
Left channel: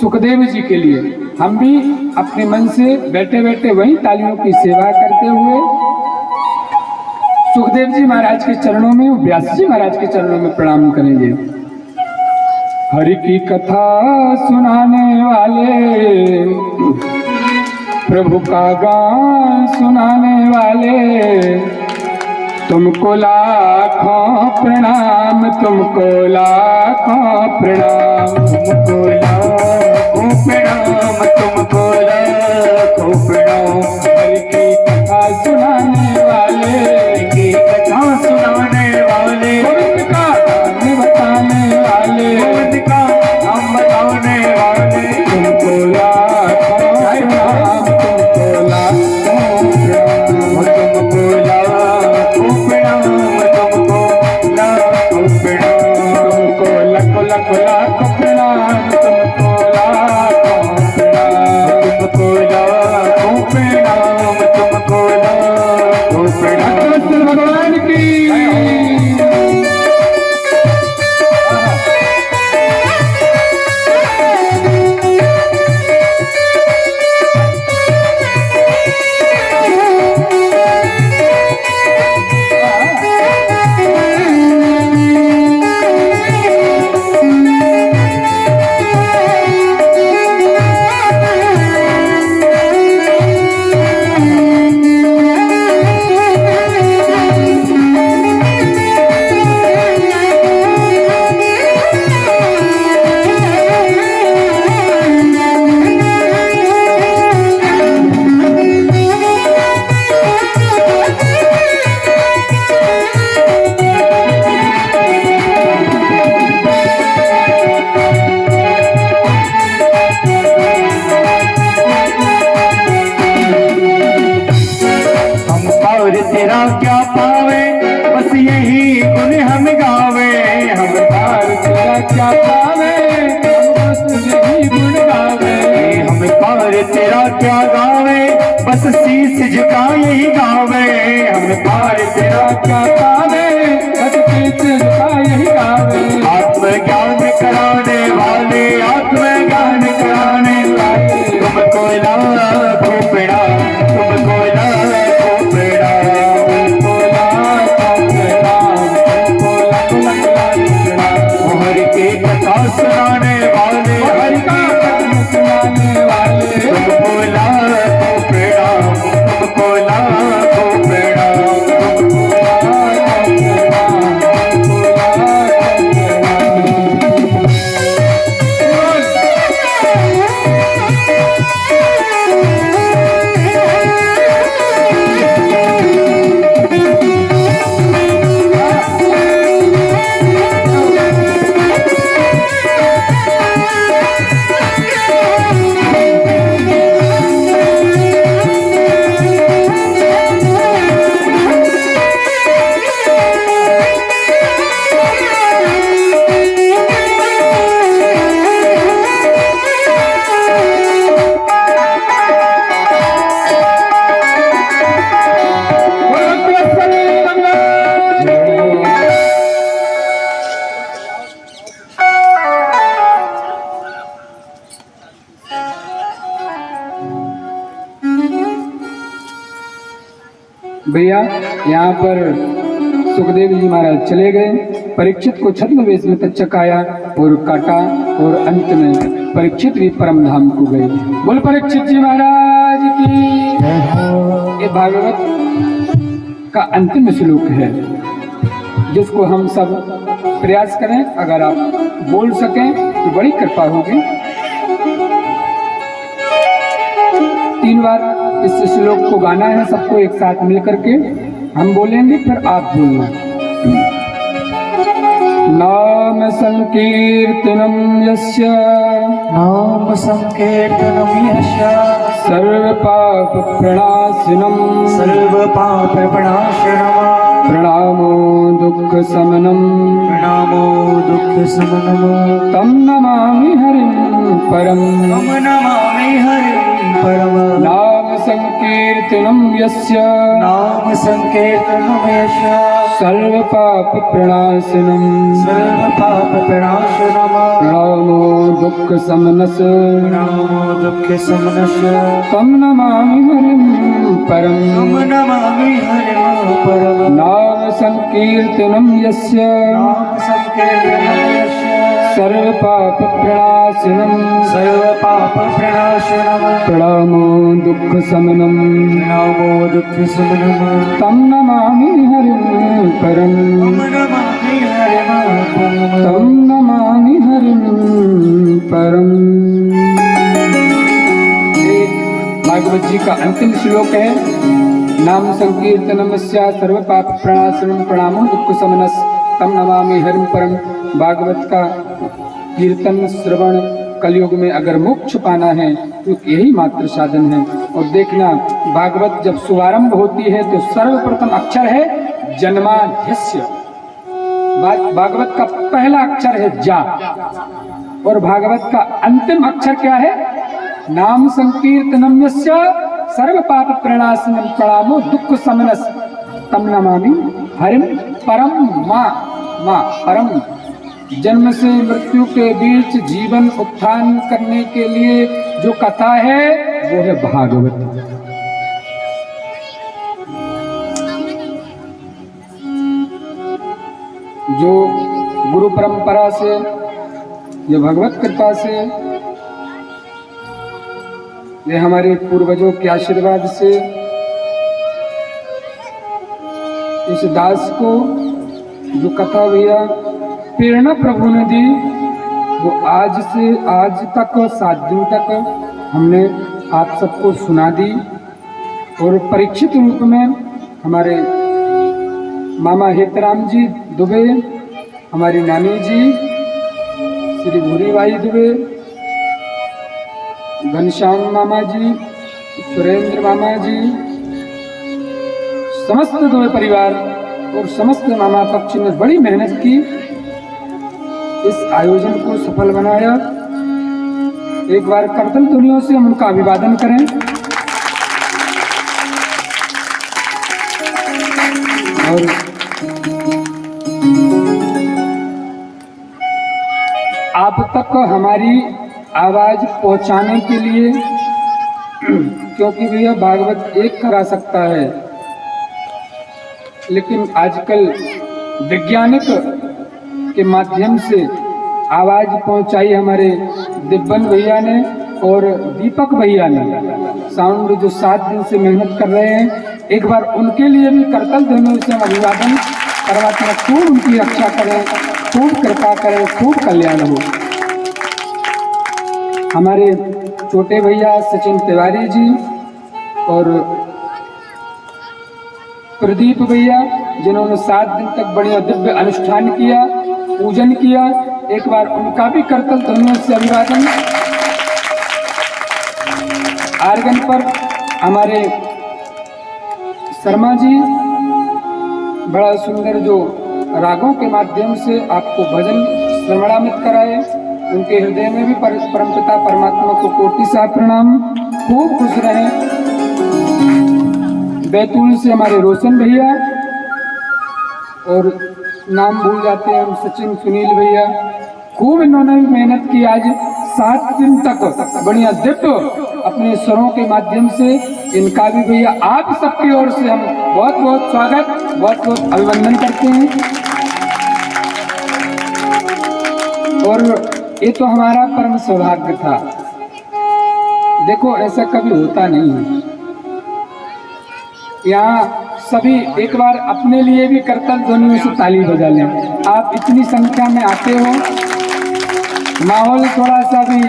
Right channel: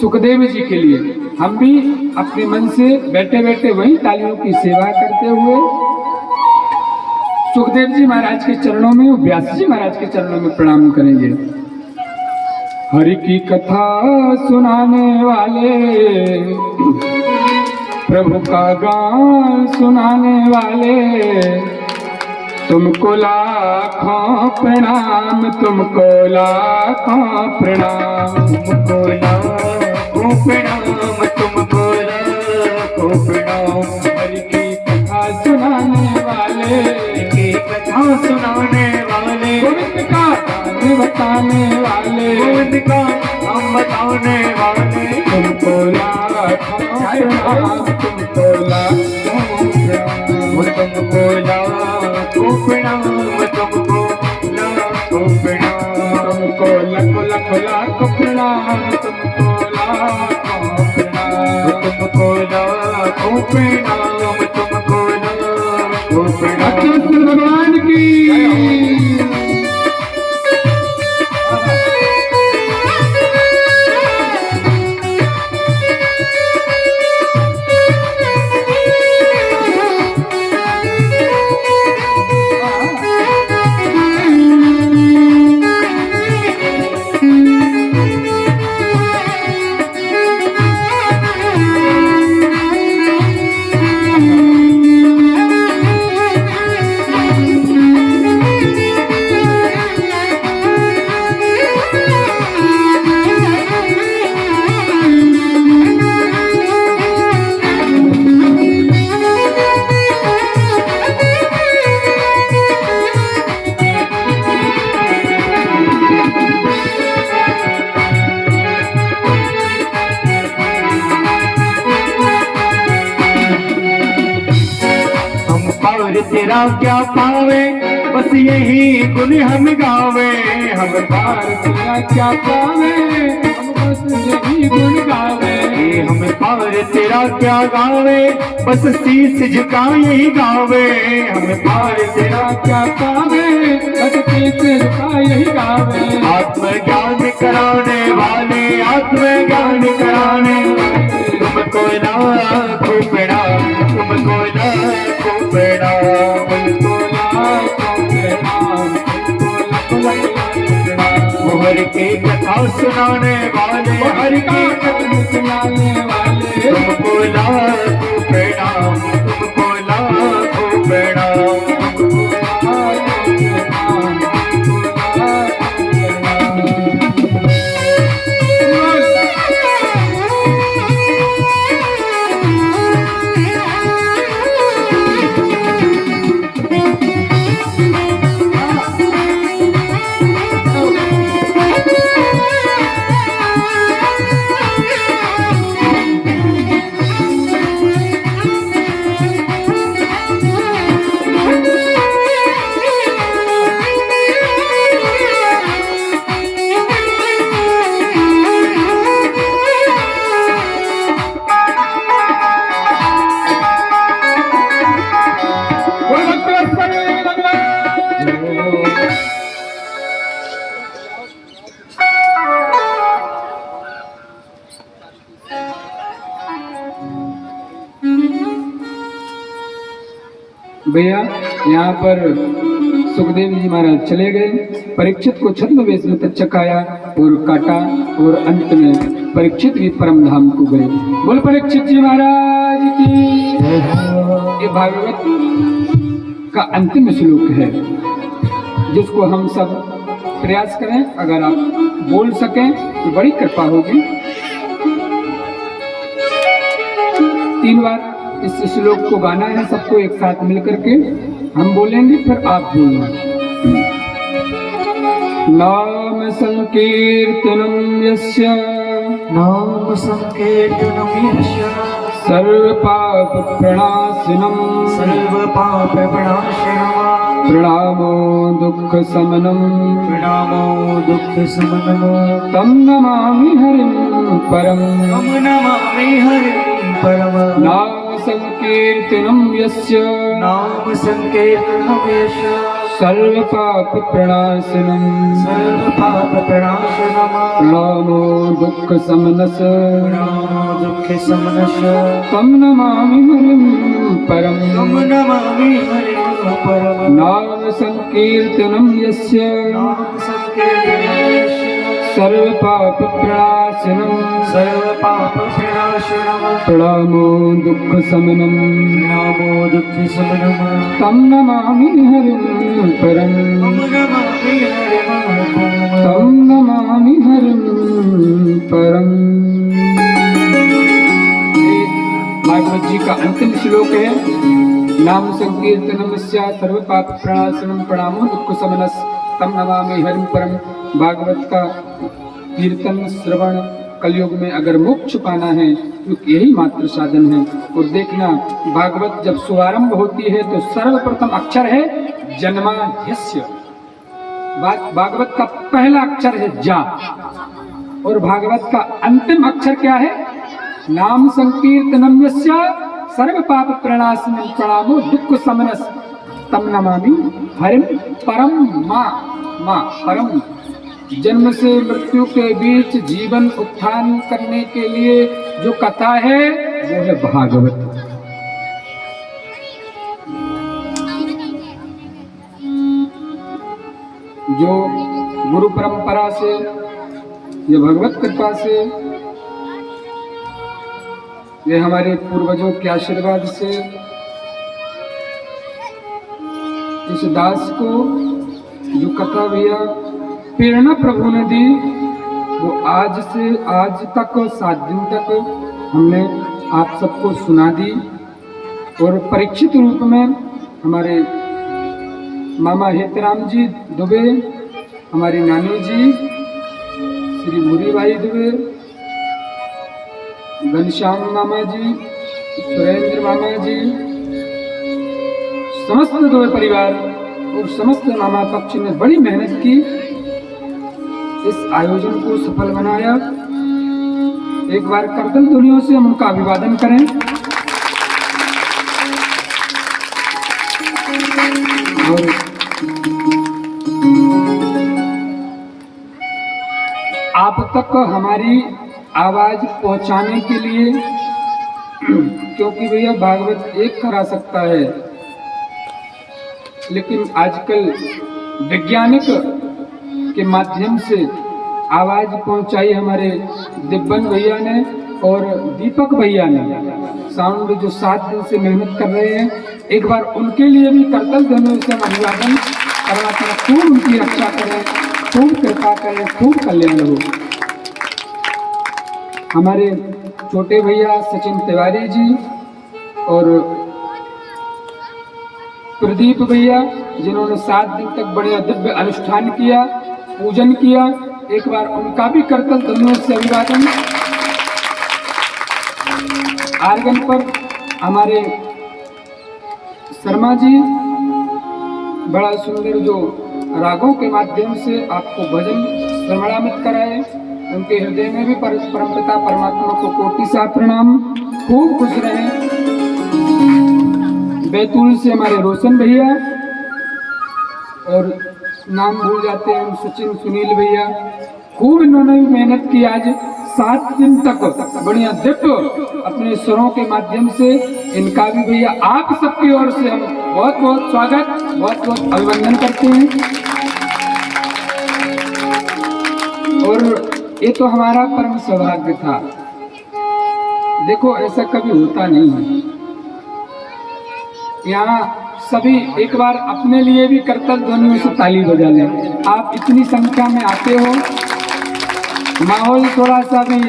सुखदेव जी के लिए। हम भी अपने मन से बैठे बैठे वही तालियों की सेवा करते हुए सुखदेव जी महाराज के चरणों में, व्यास जी महाराज के चरणों में प्रणाम करेंगे। हरि की कथा सुनाने वाले, प्रभु का गान सुनाने वाले, तुमको लाखों प्रणाम, तुमको लाखों प्रणाम, तुमको लाखों प्रणाम, तुमको लाखों प्रणाम। हरि की कथा सुनाने वाले, की कथा सुनाने वाले, गोविंद का नाम बताने वाले, गोविंद का नाम बताने वाले, तुमको लाखों प्रणाम, तुमको लाखों प्रणाम, तुमको लाखों प्रणाम, तुमको लाखों प्रणाम, तुमको लाखों लाखों लाखों प्रणाम, तुमको लाखों प्रणाम, तुमको लाखों बस यही गुण हम गावे, हम पार तेरा क्या पावे, हम बस यही गुण गावे। हम पार तेरा क्या गावे, बस शीस झुका यही गावे, हम पार तेरा क्या पावे, बस शीस झुका यही गावे। आत्मज्ञान कराने वाले, आत्मज्ञान कराने वाले, तुमको लाखों प्रणाम, तुमको लाखों प्रणाम, तुमको लाखों प्रणाम, तुमको लाखों हर की कथा सुनाने वाले, हर की कथा सुनाने वाले। तुमको लाखों प्रणाम, तुमको लाखों प्रणाम। भैया यहाँ पर सुखदेव जी महाराज चले गए, परीक्षित को छद्मवेश में तक चकाया और काटा, और अंत में परीक्षित भी परम धाम को गए। बोल परीक्षित जी महाराज की। ये भागवत का अंतिम श्लोक है, जिसको हम सब प्रयास करें, अगर आप बोल सकें तो बड़ी कृपा होगी। 3 बार इस श्लोक को गाना है सबको एक साथ मिलकर के, हम बोलेंगे फिर आप बोलना। नाम संकीर्तनम यस्य, नाम संकीर्तनम यस्य, सर्व पाप प्रणाशिनम, सर्व पाप प्रणाशनम, प्रणामो दुख समनम, प्रणामो दुख समनम, तम नमामि हरिं परम, तम नमामि हरिं परम। नाम संकीर्तनम यस्य, नाम संकीर्तनम यस्य, सर्व पाप प्रणाशनम, सर्व पाप प्रणाशनम, प्रणामो दुख समनस, प्रणामो दुख समनस, तम नमामि हरिं परम, तम नमामि हरिं परम। नाम संकीर्तनम यस्य, नाम संकीर्तनम यस्य, सर्व पाप प्रणाशनम, सर्व पाप प्रणाशनम, प्रणामो दुख समनम, प्रणामो दुख समनम, तम नमामि हरिं परम, तम नमामि हरिं परम। तम नमामि हरिं परम। ये भागवत जी का अंतिम श्लोक है। नाम संकीर्तनमस्य सर्व पाप प्रणाशनम, प्रणामो दुख समनस, तम नमामि हरिं परम। भागवत का कीर्तन श्रवण कलयुग में अगर मोक्ष पाना है तो यही मात्र साधन है। और देखना, भागवत जब शुभारंभ होती है तो सर्वप्रथम अक्षर है जन्माद्यस्य। भागवत का पहला अक्षर है जा, और भागवत का अंतिम अक्षर क्या है? नाम संकीर्तनम यस्य सर्व पाप प्रणाशनम, प्रणामो दुख समनस, तम नमामि हरिं परम। माँ परम। जन्म से मृत्यु के बीच जीवन उत्थान करने के लिए जो कथा है वो है भागवत। जो गुरु परंपरा से, ये भगवत कृपा से, ये हमारे पूर्वजों के आशीर्वाद से इस दास को जो कथा भैया प्रेरणा प्रभु ने दी, वो आज से आज तक 7 दिन तक हमने आप सबको सुना दी। और परीक्षित रूप में हमारे मामा हेतराम जी दुबे, हमारी नानी जी श्री भूरीबाई दुबे, घनश्याम मामा जी, सुरेंद्र मामा जी, समस्त दुबे परिवार और समस्त मामा पक्ष ने बड़ी मेहनत की, इस आयोजन को सफल बनाया। एक बार करतल ध्वनियों से हम उनका अभिवादन करें। और आप तक हमारी आवाज पहुंचाने के लिए, क्योंकि भैया भागवत एक करा सकता है, लेकिन आजकल वैज्ञानिक के माध्यम से आवाज पहुंचाई हमारे दिब्बन भैया ने और दीपक भैया ने, साउंड जो 7 दिन से मेहनत कर रहे हैं। एक बार उनके लिए भी करतल ध्वनियों से अभिवादन। परमात्मा खूब उनकी रक्षा करें, खूब कृपा करें, खूब कल्याण हो। हमारे छोटे भैया सचिन तिवारी जी और प्रदीप भैया, जिन्होंने 7 दिन तक बढ़िया दिव्य अनुष्ठान किया, पूजन किया, एक बार उनका भी करतल ध्वनियों से अभिवादन। आर्गन पर हमारे शर्मा जी बड़ा सुंदर जो रागों के माध्यम से आपको भजन श्रवणामित कराए, उनके हृदय में भी परमपिता परमात्मा को कोटि सा प्रणाम। खूब खुश रहें। बैतूल से हमारे रोशन भैया, और नाम भूल जाते हैं हम, सचिन सुनील भैया, खूब इन्होंने भी मेहनत की। आज 7 दिन तक बढ़िया दिव्य अपने स्वरों के माध्यम से, इनका भी भैया आप सबकी ओर से हम बहुत बहुत स्वागत, बहुत बहुत अभिनंदन करते हैं। और ये तो हमारा परम सौभाग्य था। देखो ऐसा कभी होता नहीं है। यहाँ सभी एक बार अपने लिए भी करतल ध्वनियों से ताली बजा लें। आप इतनी संख्या में आते हो, माहौल थोड़ा सा भी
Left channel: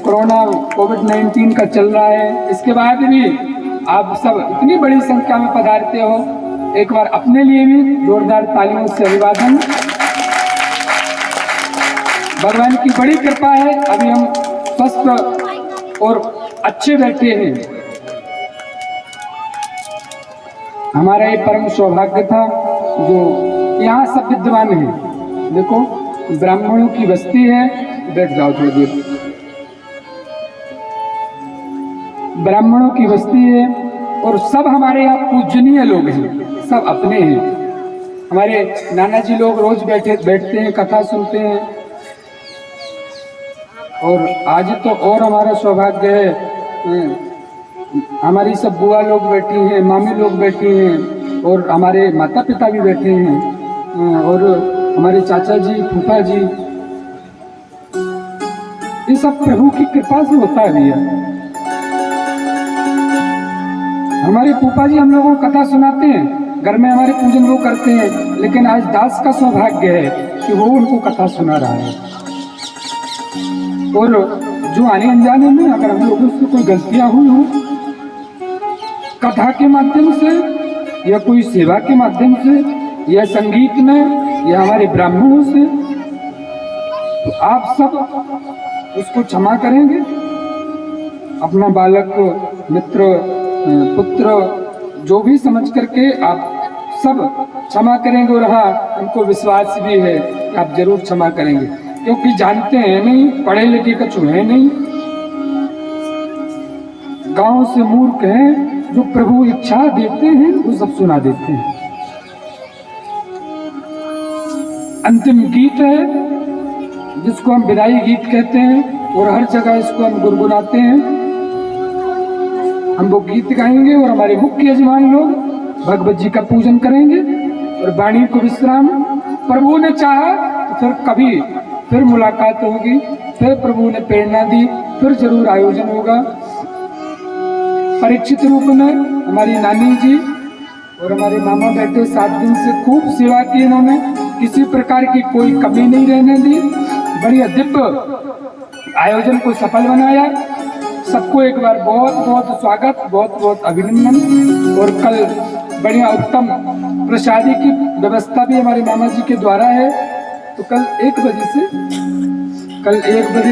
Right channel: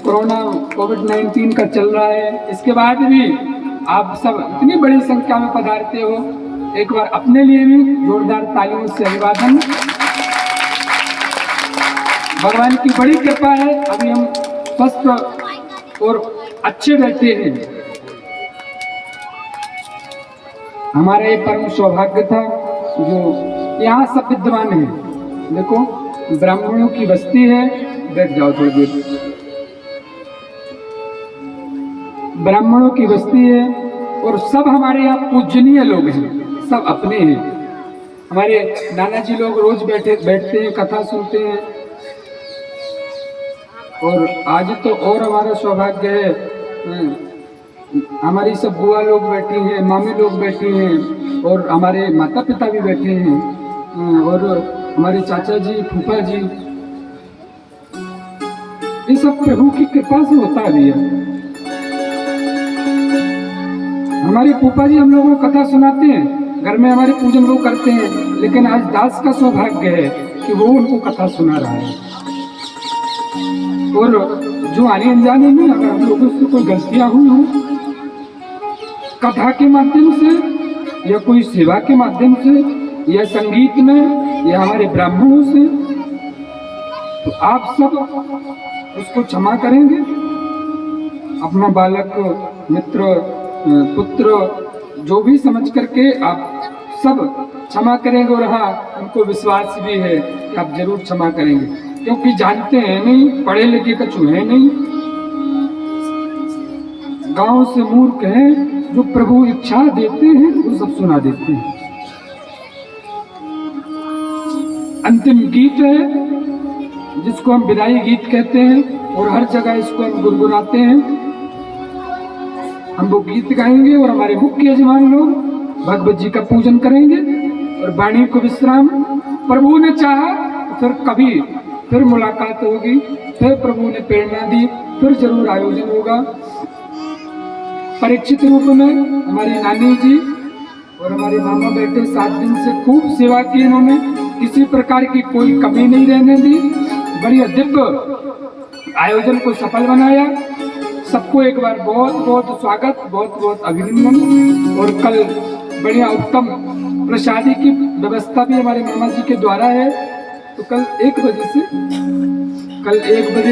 कोरोना कोविड-19 का चल रहा है, इसके बाद भी आप सब इतनी बड़ी संख्या में पधारते हो। एक बार अपने लिए भी जोरदार तालियों से अभिवादन। भगवान की बड़ी कृपा है, अभी हम स्वस्थ और अच्छे बैठे हैं। हमारा ये परम सौभाग्य था जो यहाँ सब विद्वान हैं। देखो ब्राह्मणों की बस्ती है, बैठ जाओ थोड़ी देर। ब्राह्मणों की बस्ती है और सब हमारे यहाँ पूजनीय लोग हैं, सब अपने हैं। हमारे नाना जी लोग रोज बैठते हैं, कथा सुनते हैं। और आज तो और हमारा सौभाग्य है, हमारी सब बुआ लोग बैठी हैं, मामी लोग बैठी हैं, और हमारे माता पिता भी बैठे हैं, और हमारे चाचा जी, फूफा जी, ये सब प्रभु की कृपा से होता है भैया। हमारे फूफा जी हम लोगों को कथा सुनाते हैं, घर में हमारे पूजन वो करते हैं, लेकिन आज दास का सौभाग्य है कि वो उनको कथा सुना रहा है। और जो आने अनजाने में अगर हम लोगों से कोई गलतियां हुई हो, कथा के माध्यम से या कोई सेवा के माध्यम से या संगीत में या हमारे ब्राह्मणों से, तो आप सब उसको क्षमा करेंगे। अपना बालक, मित्र, पुत्र जो भी समझ करके आप सब क्षमा करेंगे। और हाँ, हमको विश्वास भी है कि आप जरूर क्षमा करेंगे, क्योंकि जानते हैं नहीं, पढ़े लिखे कछु है नहीं, गांव से मूर्ख हैं, जो प्रभु इच्छा देते हैं वो सब सुना देते हैं। अंतिम गीत है जिसको हम विदाई गीत कहते हैं, और हर जगह इसको हम गुनगुनाते हैं। हम वो गीत गाएंगे और हमारे मुख्य यजमान लोग भगवत जी का पूजन करेंगे और वाणी को विश्राम। प्रभु ने चाहा तो फिर कभी फिर मुलाकात होगी, फिर प्रभु ने प्रेरणा दी, फिर जरूर आयोजन होगा। परीक्षित रूप में हमारी नानी जी और हमारे मामा बैठे 7 दिन से खूब सेवा की इन्होंने, किसी प्रकार की कोई कमी नहीं रहने दी। बढ़िया दिव्य आयोजन को सफल बनाया। सबको एक बार बहुत बहुत स्वागत, बहुत बहुत अभिनंदन। और कल बढ़िया उत्तम प्रसादी की व्यवस्था भी हमारे मामा जी के द्वारा है, तो कल 1 बजे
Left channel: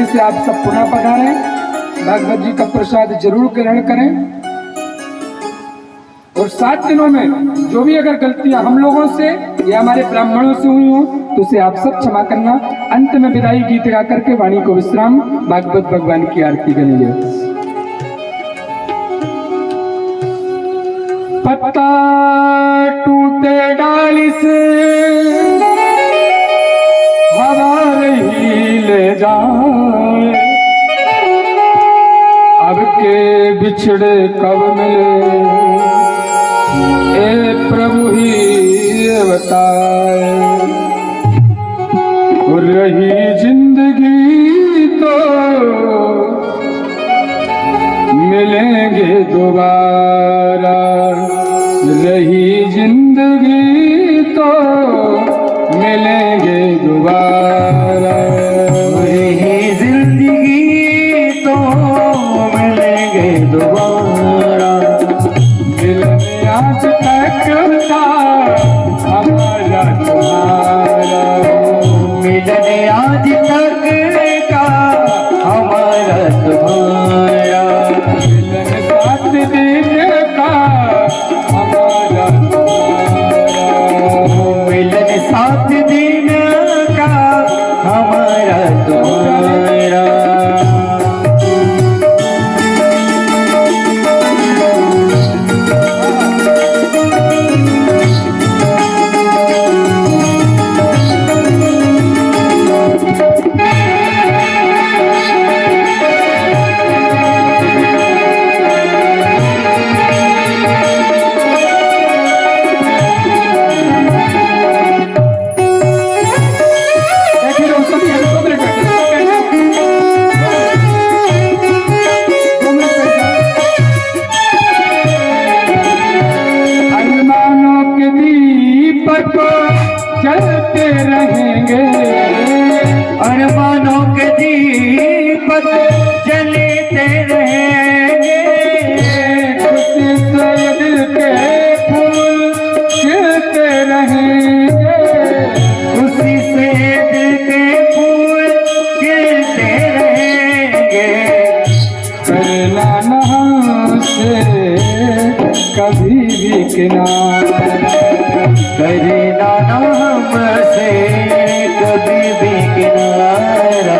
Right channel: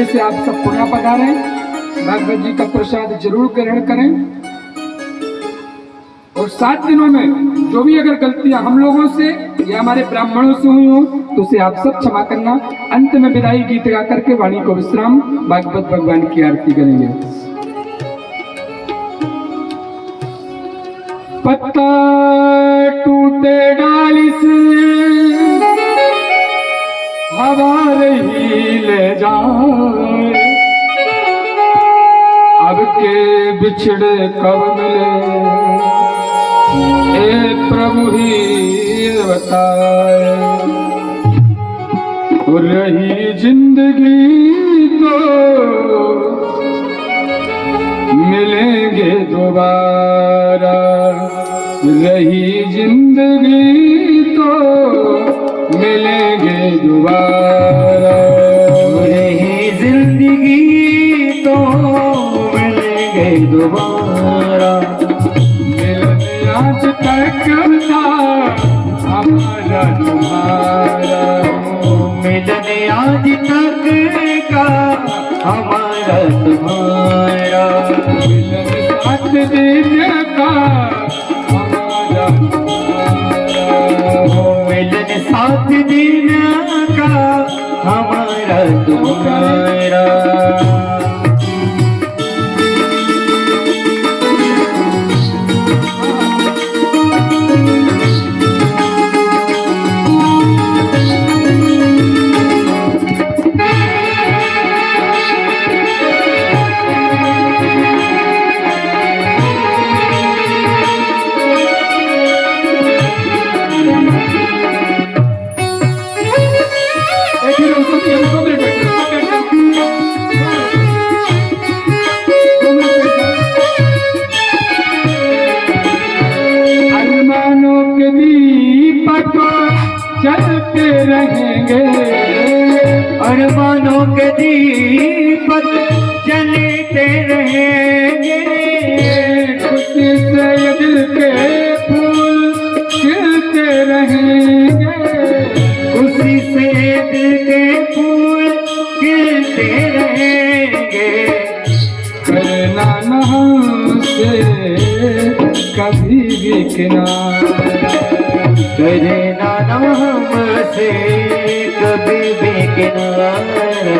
से आप सब पुनः पधारें, भगवत जी का प्रसाद जरूर ग्रहण करें। और 7 दिनों में जो भी अगर गलतियां हम लोगों से या हमारे ब्राह्मणों से हुई हो तो उसे आप सब क्षमा करना। अंत में विदाई गीत गा करके वाणी को विश्राम, भागवत भगवान की आरती करेंगे। पत्ता टूटे डाली से हवा रही ले जाए, अब के बिछड़े कब मिले ए प्रभु ही बताए। रही जिंदगी तो मिलेंगे दोबारा, रही जिंदगी तो मिलेंगे दोबारा, रही जिंदगी तो मिलेंगे दोबारा। मिलने आज तक था हमारा तुम्हारा, मिलने आज तक का हमारा तुम्हारा, मिलन 7 दिन का हमारा तुम्हारा, मिलन 7 दिन का हमारा तुम्हारा। अरमानों के दीपक जलते रहेंगे, अरमानों के दीपक जलते रहेंगे, खुशी से दिल के फूल खिलते रहेंगे, खुशी से दिल के फूल खिलते रहेंगे। करना न हमसे कभी भी किनारा, करना न हमसे कभी भी किनारा,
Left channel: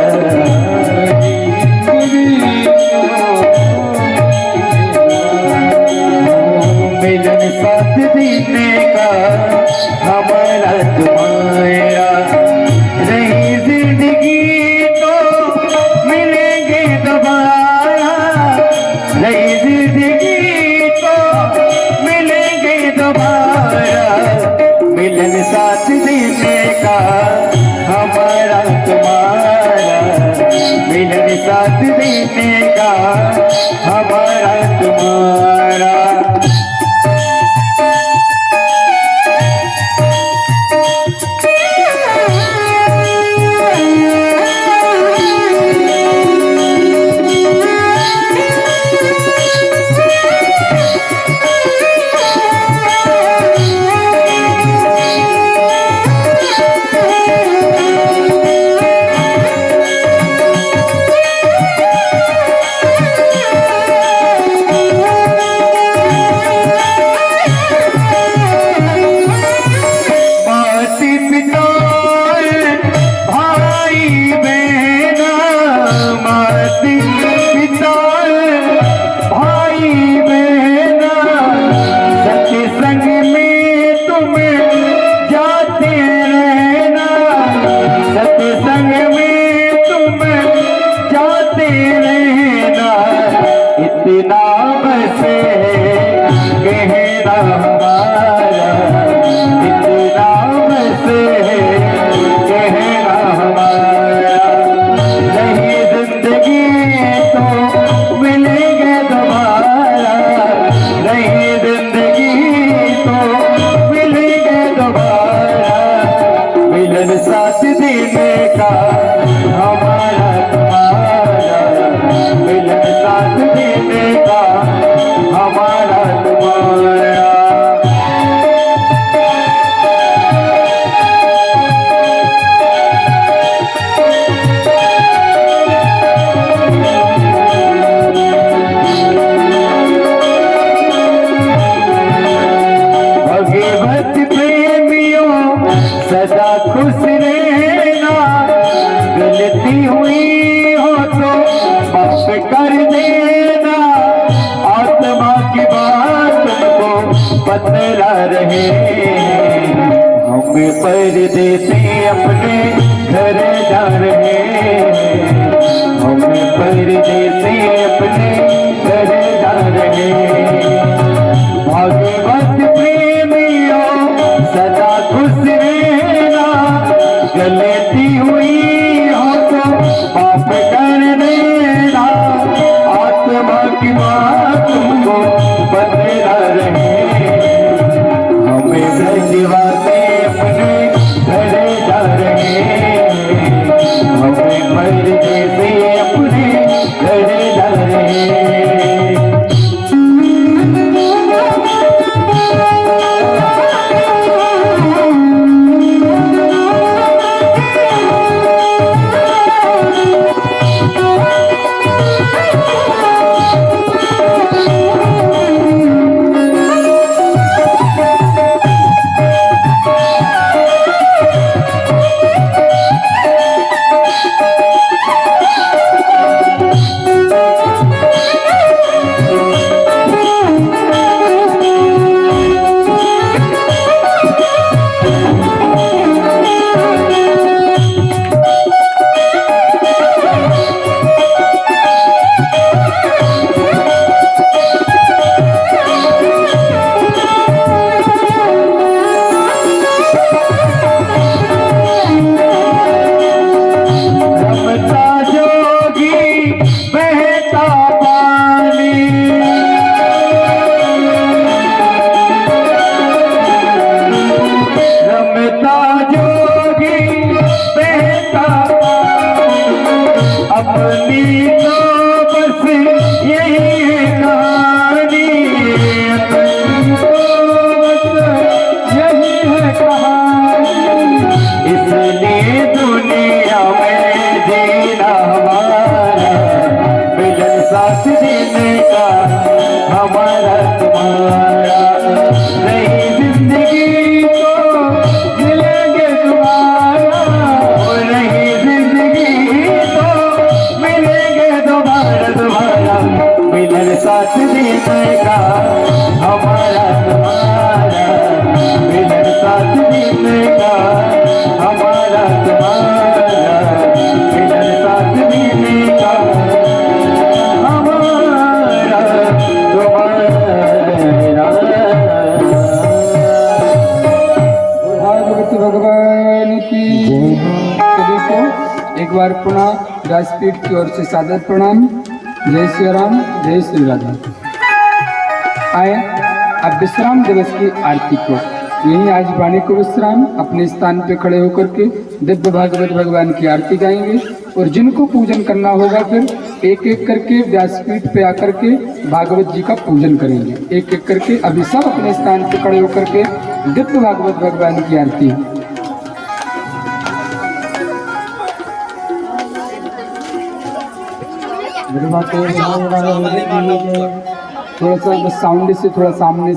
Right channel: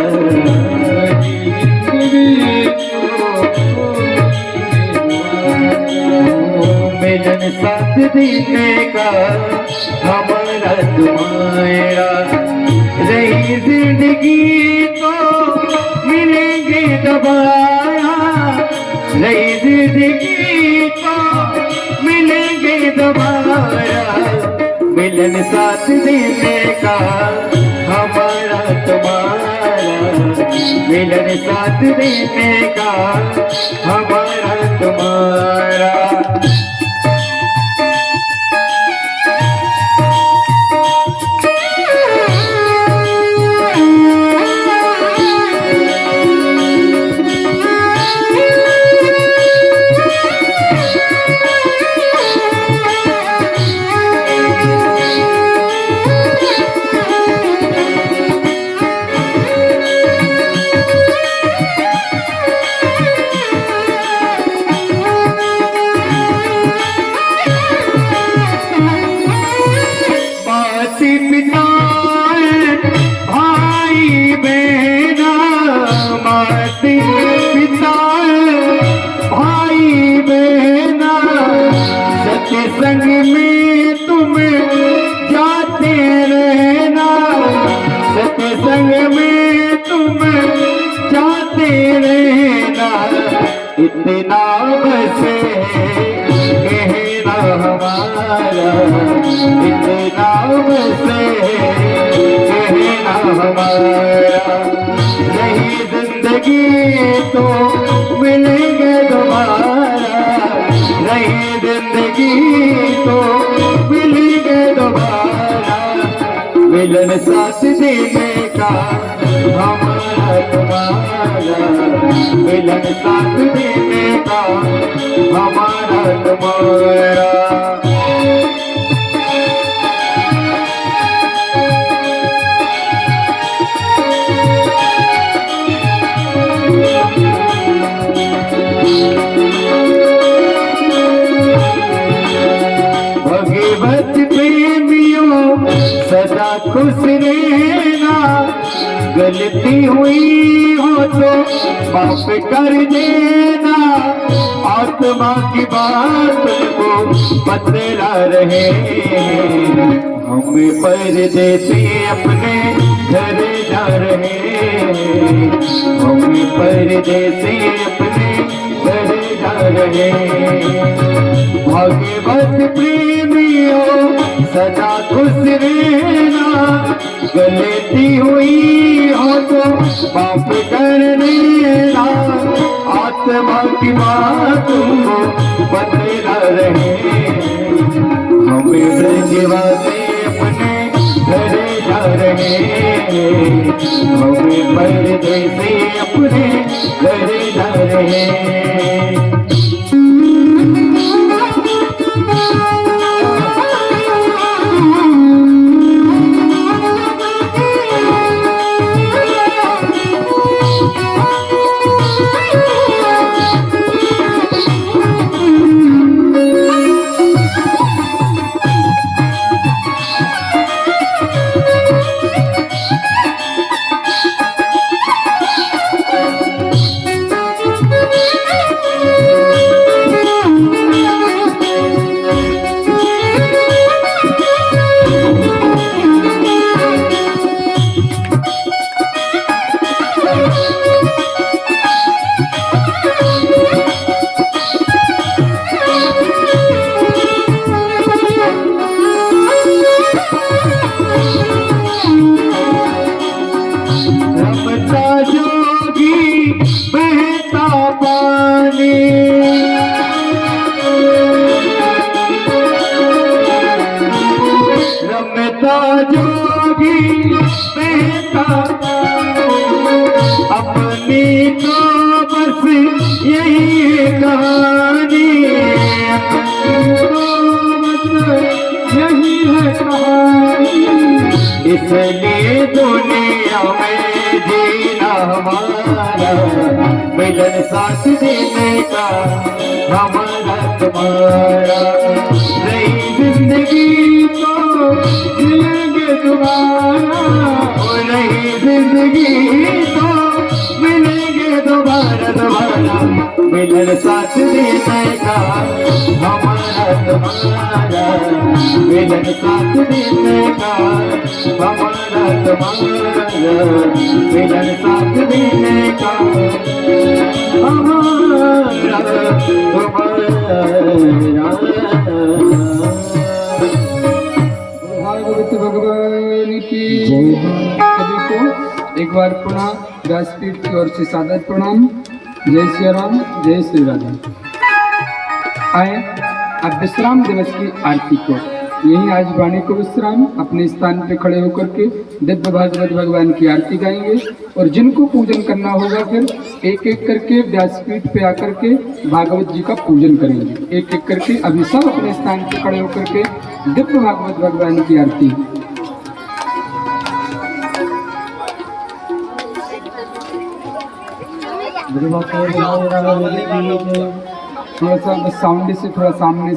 मिलन 7 दिन का हमारा तुम्हारा। रही जिंदगी तो मिलेंगे दोबारा, रही जिंदगी तो मिलेंगे दोबारा। मिलन 7 दिन का हमारा तुम्हारा, मिलन 7 दिन का हमारा तुम्हारा। इतना बस कहना हमारा, इतना बस कहना हमारा। नहीं जिंदगी तो मिलेंगे दोबारा, नहीं जिंदगी तो मिलेंगे दोबारा। मिलन 7 दिन का हमारा तुम्हारा, मिलन 7 दिन का हमारा तुम्हारा। सदा खुश रहना, गलती हुई हो तो माफ कर देना, आत्मा की बात को बतला रहे, हमें परदेसी अपने घर जा रहे, हमें परदेसी अपने घर जा रहे। भाग्यवत प्रेमियों सदा खुश रहना, गलती हुई हो तो माफ कर देना, आत्मा की बात को बतला रहे, हमें ब्रजवासी अपने घर जा रहे, हमें परदेसी अपने घर जा रहे। इसलिए दुनिया में जीना हमारा, मिलन साथ देने का हमारा तुम्हारा, नई जिंदगी को मिलेंगे दोबारा, नई जिंदगी तो मिलेंगे दोबारा, मिलन साथ देने का हमारा तुम्हारा, मिलन साथ देने का हमारा तुम्हारा, मिलन साथ देने का हमारा तुम्हारा। भागवत भगवान की सभी को एक बार पुनः व्यासपीठ की ओर से सादर प्रणाम। जय श्री राम, जय श्री राधा। आए अब विश्राम दिवस की आरती को यही आज वाणी को विश्राम अपने स्थान पे खड़े होकर के दिव्य भागवत भगवान की आरती गाएंगे, और जिनको पूजन करना होगा फिर एक एक करके व्यासपीठ पे आकर के भागवत जी का पूजन करेंगे, एक एक करके। अभी सब अपने स्थान पे खड़े होकर के दिव्य भागवत भगवान की आरती। थोड़ा सा साउंड से थोड़ा सामने से